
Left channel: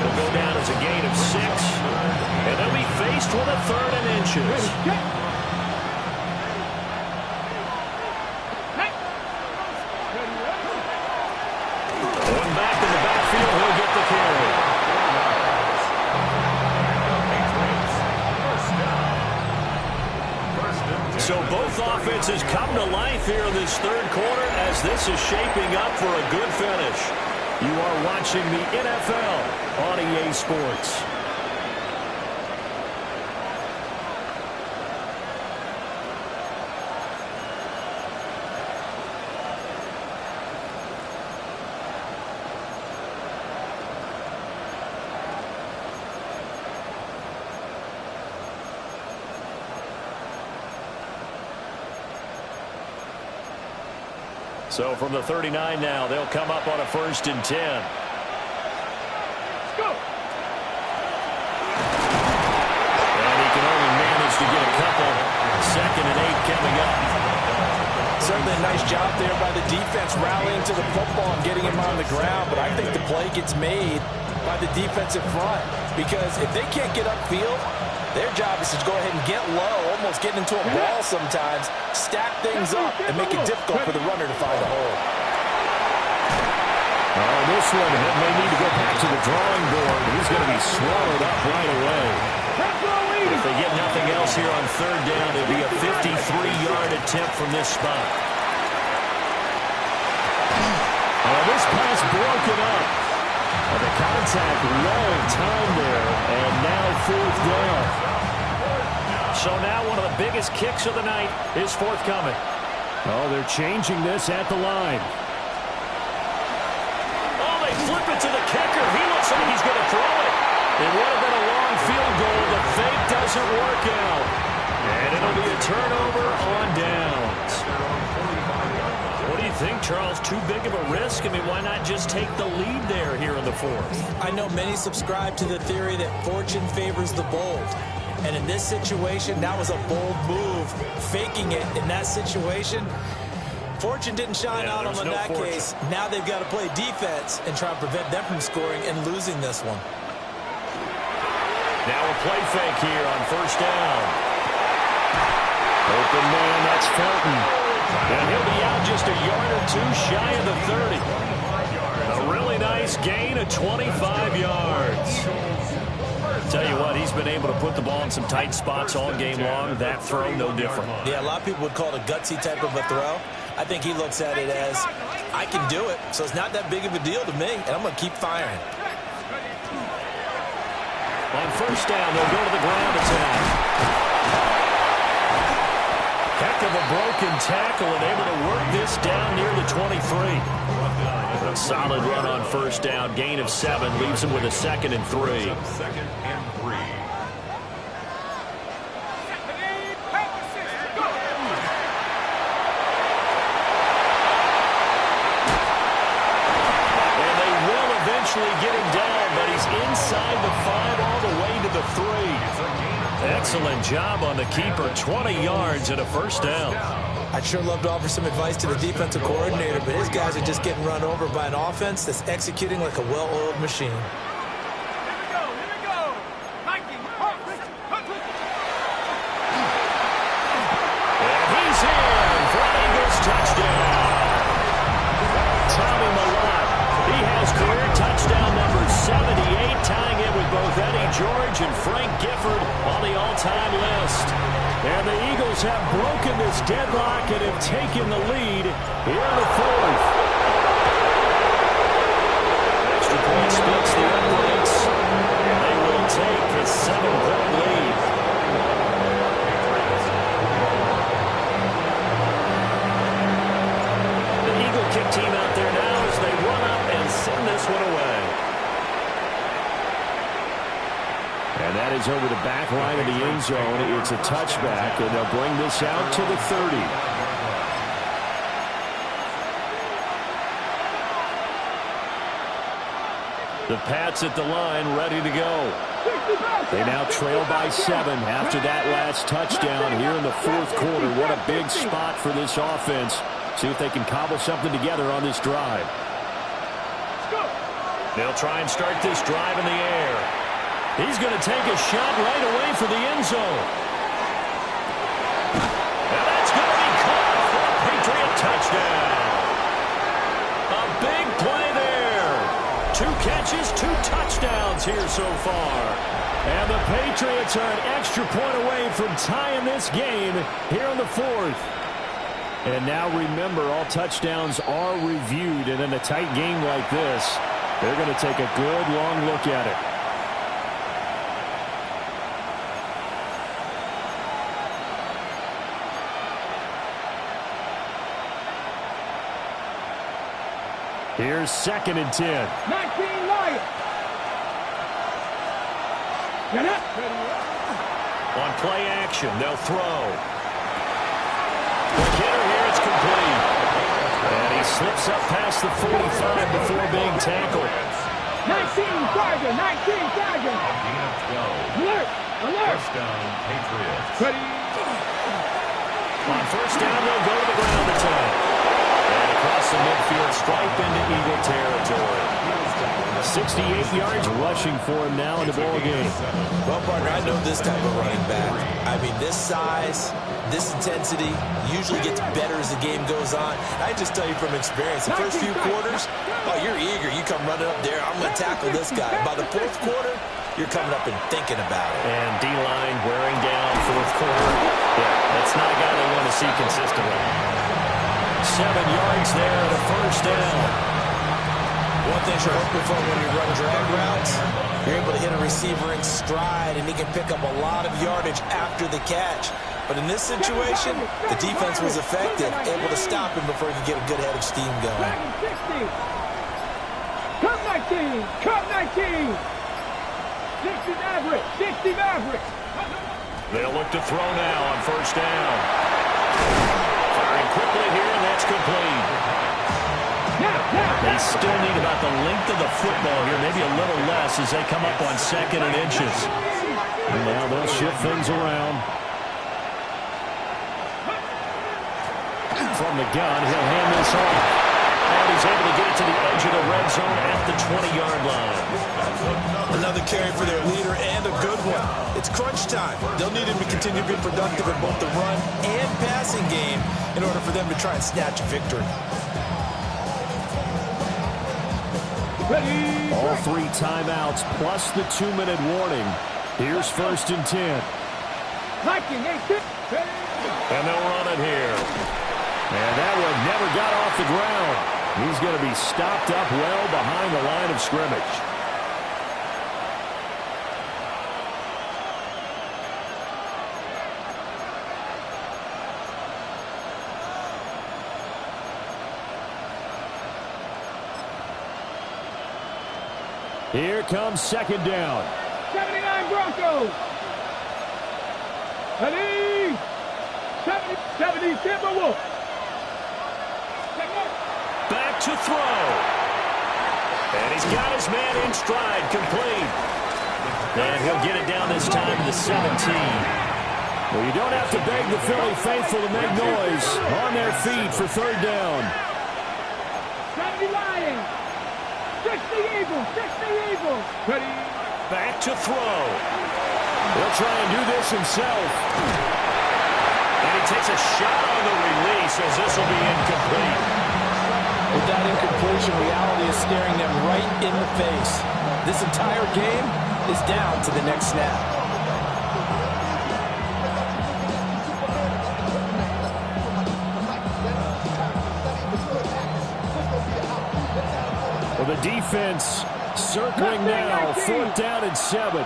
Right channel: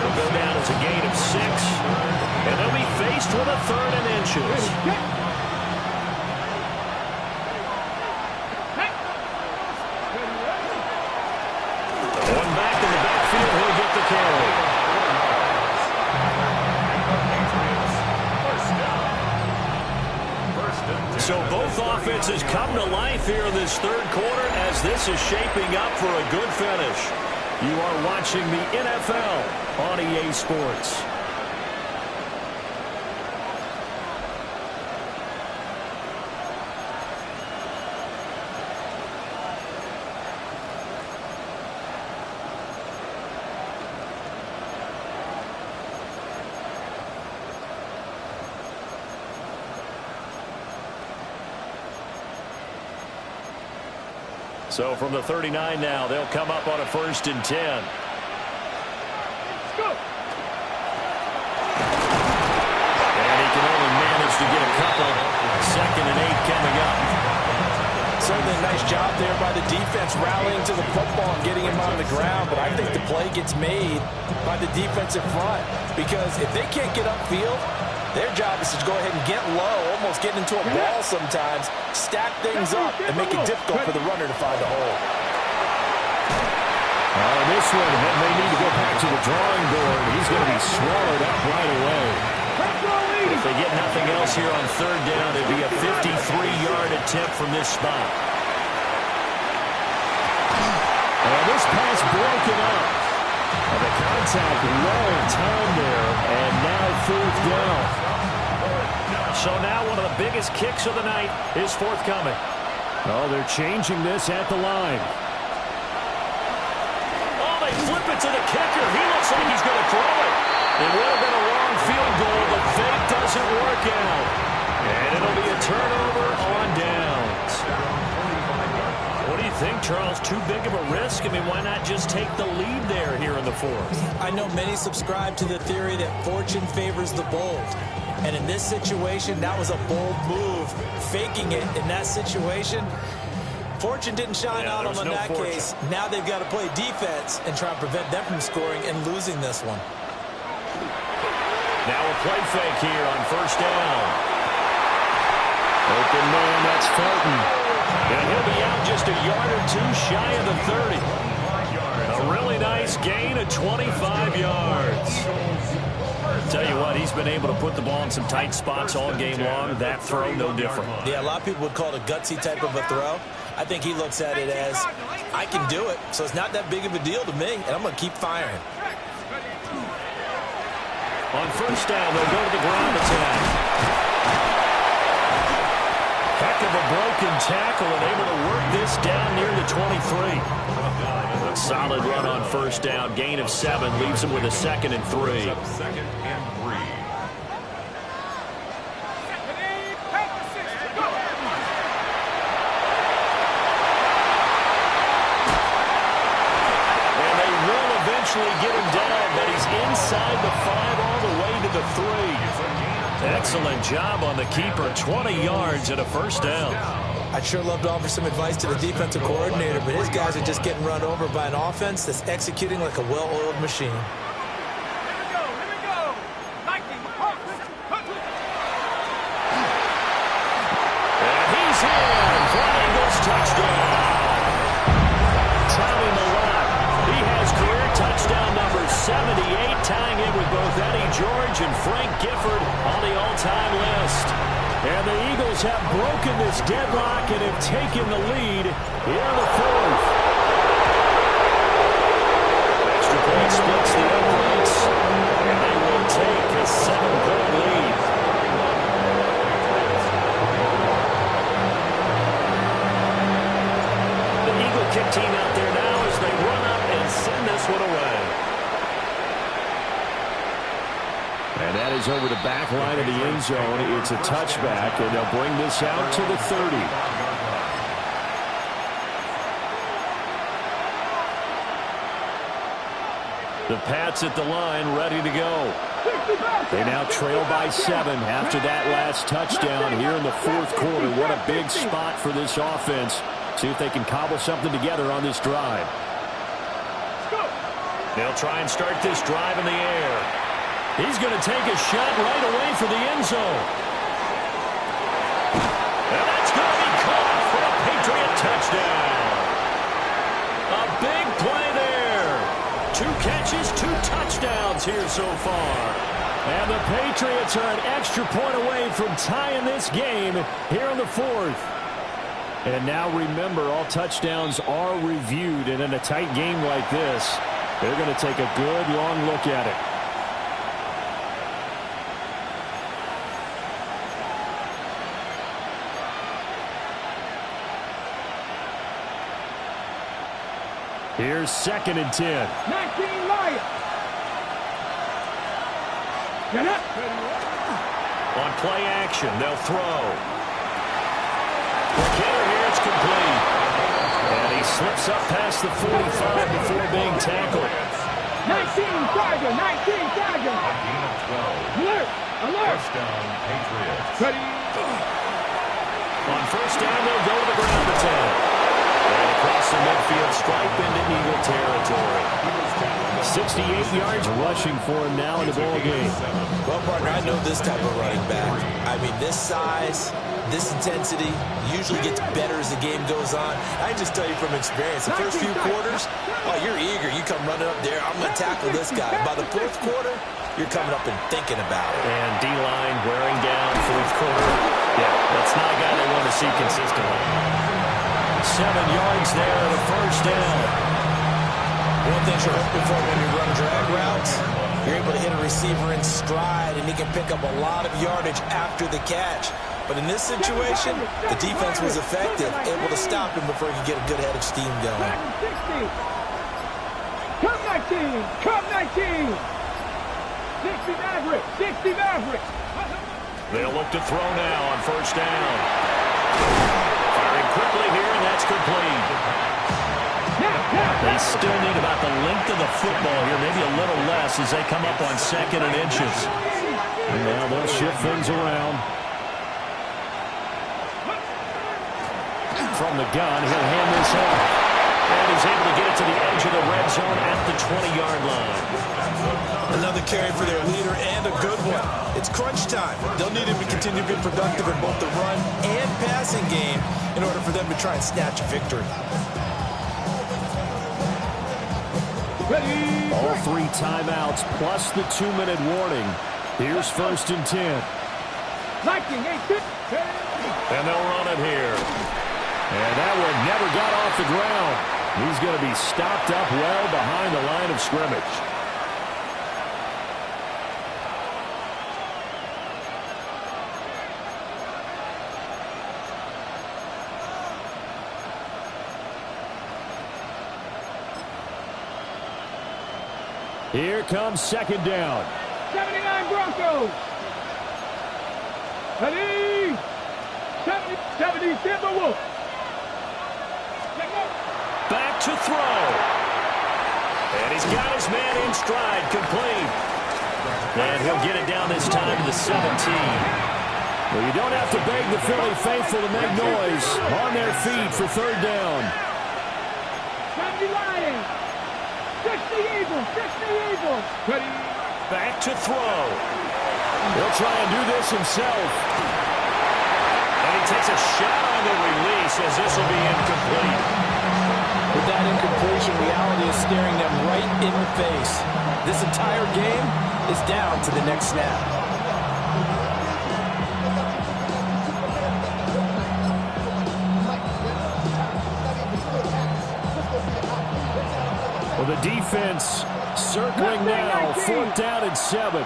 He'll go down as a gain of 6. And they'll be faced with a 3rd and inches. Going back in the backfield, he'll get the carry. So both offenses come to life here in this 3rd quarter as this is shaping up for a good finish. You are watching the NFL on EA Sports. So from the 39 now, they'll come up on a 1st and 10. Let's go. And he can only manage to get a couple. 2nd and 8 coming up. Certainly a nice job there by the defense rallying to the football and getting him on the ground. But I think the play gets made by the defensive front. Because if they can't get upfield, their job is to go ahead and get low, almost get into a ball sometimes, stack things up, and make it difficult for the runner to find a hole. Oh, this one may need to go back to the drawing board. He's going to be swallowed up right away. If they get nothing else here on 3rd down, it'd be a 53-yard attempt from this spot. Oh, this pass broken up. The contact well timed there, and now 4th down. So now one of the biggest kicks of the night is forthcoming. Oh, they're changing this at the line. Oh, they flip it to the kicker. He looks like he's going to throw it. It would have been a long field goal, but fake doesn't work out. And it'll be a turnover on downs. What do you think, Charles? Too big of a risk? I mean, why not just take the lead there here in the 4th? I know many subscribe to the theory that fortune favors the bold. And in this situation, that was a bold move. Faking it in that situation, fortune didn't shine out on them in that case. Now they've got to play defense and try to prevent them from scoring and losing this one. Now a play fake here on 1st down. Open man, that's Felton. And he'll be out just a yard or 2 shy of the 30. A really nice gain of 25 yards. Tell you what, he's been able to put the ball in some tight spots all game long. That throw, no different. Yeah, a lot of people would call it a gutsy type of a throw. I think he looks at it as, I can do it, so it's not that big of a deal to me, and I'm going to keep firing. On 1st down, they'll go to the ground attack. Heck of a broken tackle and able to work this down near the 23. A solid run on 1st down. Gain of 7 leaves him with a 2nd and 3. 2nd and 3. And they will eventually get him down, but he's inside the 5 all the way to the 3. Excellent job on the keeper. 20 yards and a 1st down. I'd sure love to offer some advice to the defensive coordinator, but his guys are just getting run over by an offense that's executing like a well-oiled machine. Here we go. Nike. And he's in for an Eagles touchdown. Tommy Millott. He has career touchdown number 78, tying it with both Eddie George and Frank Gifford on the all-time list. And the Eagles have broken this deadlock and have taken the lead here in the 4th. Extra point splits the uprights, and they will take a 7-point lead. one away. And that is over the back line of the end zone. It's a touchback, and they'll bring this out to the 30. The Pats at the line, ready to go. They now trail by 7 after that last touchdown here in the fourth quarter. What a big spot for this offense. See if they can cobble something together on this drive. They'll try and start this drive in the air. He's going to take a shot right away for the end zone. And that's going to be caught for a Patriot touchdown. A big play there. 2 catches, 2 touchdowns here so far. And the Patriots are an extra point away from tying this game here in the fourth. And now remember, all touchdowns are reviewed. And in a tight game like this, they're going to take a good long look at it. Here's 2nd and 10. 19 Lions. Get up. On play action, they'll throw. The hitter here, it's complete. And he slips up past the 45 before being tackled. 19 Tiger. 19 Tiger. Alert. Alert. First down, Patriots. Ready. On first down, they'll go to the ground attack. And across the midfield, stripe into Eagle territory. 68 yards rushing for him now in the ball game. Well, partner, I know this type of running back. I mean, this size, this intensity usually gets better as the game goes on. I can just tell you from experience, the first few quarters, oh, you're eager. You come running up there, I'm going to tackle this guy. By the fourth quarter, you're coming up and thinking about it. And D-line wearing down fourth quarter. Yeah, that's not a guy they want to see consistently. 7 yards there and a first down. One thing you're hoping for when you run drag routes, you're able to hit a receiver in stride, and he can pick up a lot of yardage after the catch. But in this situation, the defense was effective, able to stop him before he could get a good head of steam going. 60. Come 19. Come 19. 60 Mavericks. 60 Mavericks. They'll look to throw now on first down. Firing quickly here, and that's complete. They still need about the length of the football here, maybe a little less as they come up on 2nd and inches. And now they'll shift things around. From the gun, he'll hand this off. And he's able to get it to the edge of the red zone at the 20-yard line. Another carry for their leader, and a good one. It's crunch time. They'll need him to continue to be productive in both the run and passing game in order for them to try and snatch a victory. Ready. All 3 timeouts plus the 2-minute warning. Here's 1st and 10. Lightning, 8. And they'll run it here. And that one never got off the ground. He's going to be stopped up well behind the line of scrimmage. Here comes 2nd down. 79 Broncos. Ready. 70 Timberwolves. Back to throw. And he's got his man in stride, complete. And he'll get it down this time to the 17. Well, you don't have to beg the Philly faithful to make noise. On their feet for 3rd down. 70 Lions. 60 Eagles. 60 Eagles. Ready. Back to throw. He'll try and do this himself. And he takes a shot on the release as this will be incomplete. With that incompletion, reality is staring them right in the face. This entire game is down to the next snap. Well, the defense circling now. 4th down and 7.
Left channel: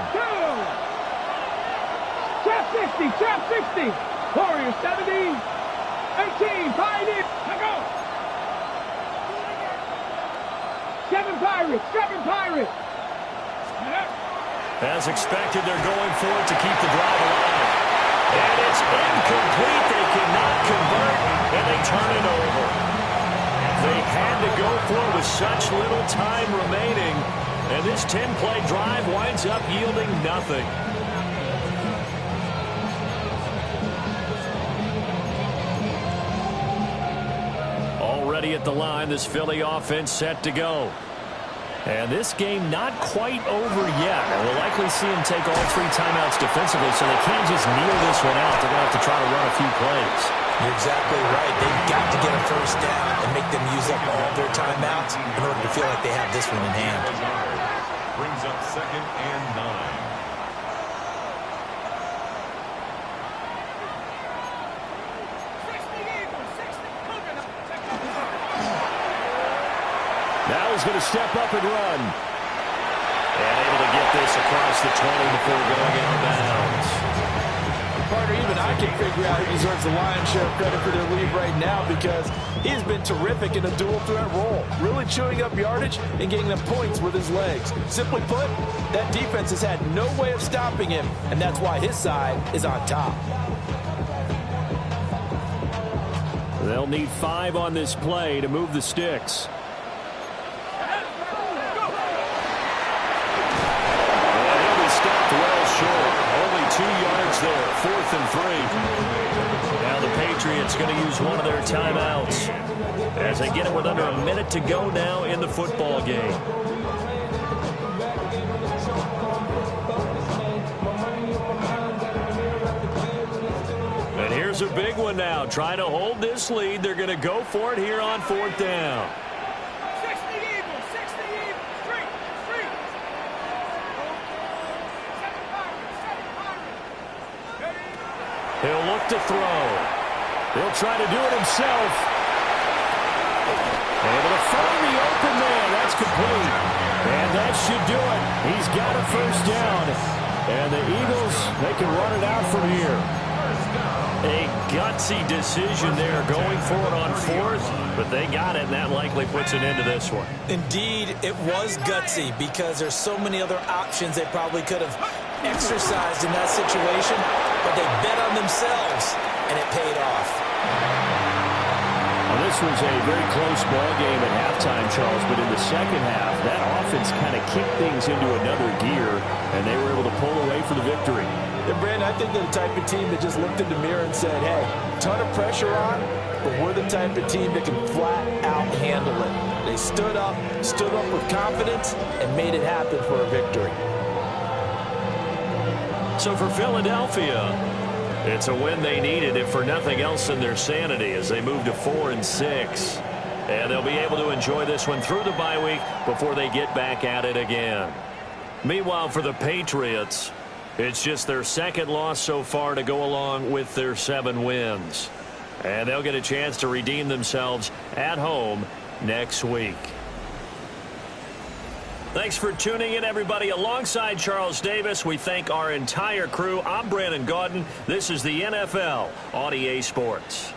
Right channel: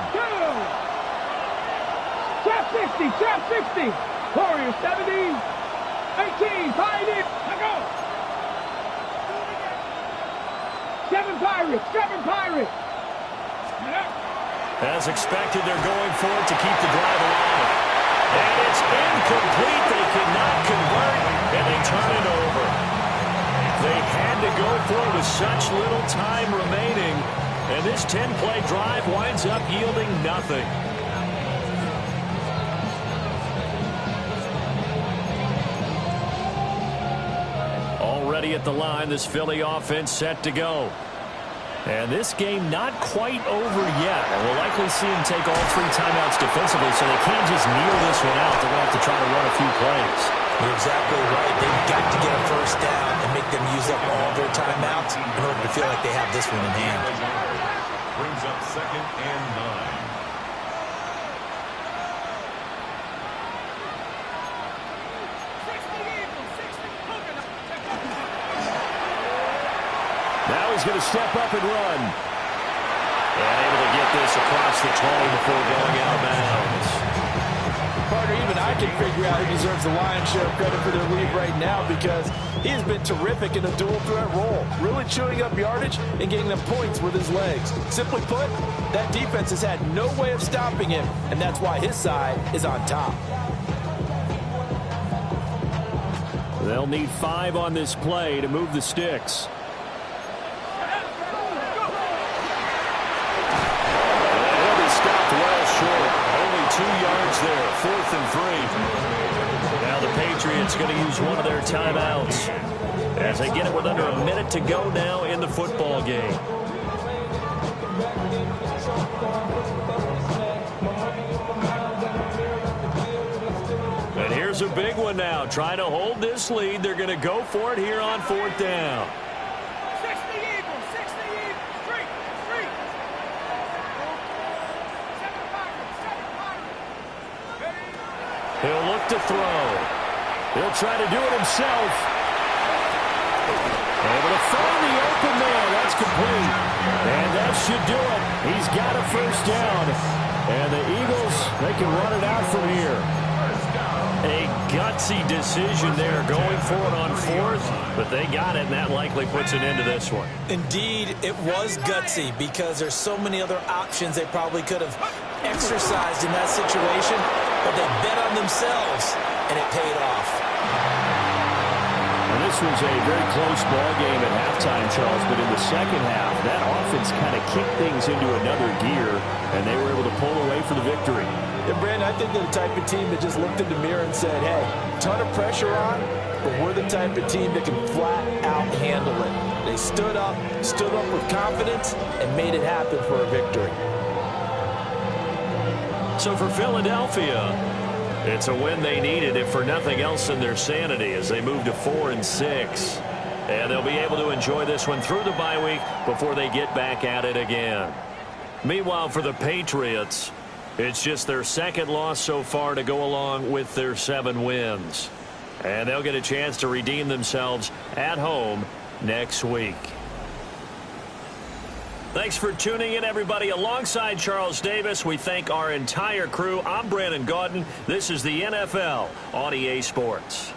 Trap 60. Trap 60. Warriors 70. 18. Pioneer. Let go. 7 Pirates. 7 Pirates. As expected, they're going for it to keep the drive alive. And it's incomplete. They cannot convert, and they turn it over. They had to go for it with such little time remaining, and this 10-play drive winds up yielding nothing. Already at the line, this Philly offense set to go. And this game not quite over yet. And we'll likely see him take all 3 timeouts defensively, so they can't just kneel this one out. They're going to have to try to run a few plays. You're exactly right. They've got to get a first down and make them use up all their timeouts in order to feel like they have this one in hand. Brings up 2nd and 9. Now he's going to step up and run. And able to get this across the 20 before going out of bounds. Partner, even I can figure out who deserves the lion's share of credit for their lead right now, because he has been terrific in a dual threat role, really chewing up yardage and getting them points with his legs. Simply put, that defense has had no way of stopping him, and that's why his side is on top. They'll need 5 on this play to move the sticks. Stopped well short. Only 2 yards there. 4th and 3. Now the Patriots going to use one of their timeouts as they get it with under a minute to go now in the football game. And here's a big one now. Trying to hold this lead. They're going to go for it here on 4th down. He'll look to throw. He'll try to do it himself. Able to find the open man. That's complete. And that should do it. He's got a first down. And the Eagles, they can run it out from here. A gutsy decision there, going for it on 4th, but they got it, and that likely puts an end to this one. Indeed, it was gutsy, because there's so many other options they probably could have exercised in that situation, but they bet on themselves, and it paid off. Well, this was a very close ball game at halftime, Charles, but in the second half, that offense kind of kicked things into another gear, and they were able to pull away for the victory. Yeah, Brandon, I think they're the type of team that just looked in the mirror and said, hey, ton of pressure on, but we're the type of team that can flat out handle it. They stood up with confidence, and made it happen for a victory. So for Philadelphia, it's a win they needed, if for nothing else than their sanity, as they move to 4-6. And they'll be able to enjoy this one through the bye week before they get back at it again. Meanwhile, for the Patriots, it's just their 2nd loss so far to go along with their 7 wins. And they'll get a chance to redeem themselves at home next week. Thanks for tuning in, everybody. Alongside Charles Davis, we thank our entire crew. I'm Brandon Gaudin. This is the NFL on EA Sports.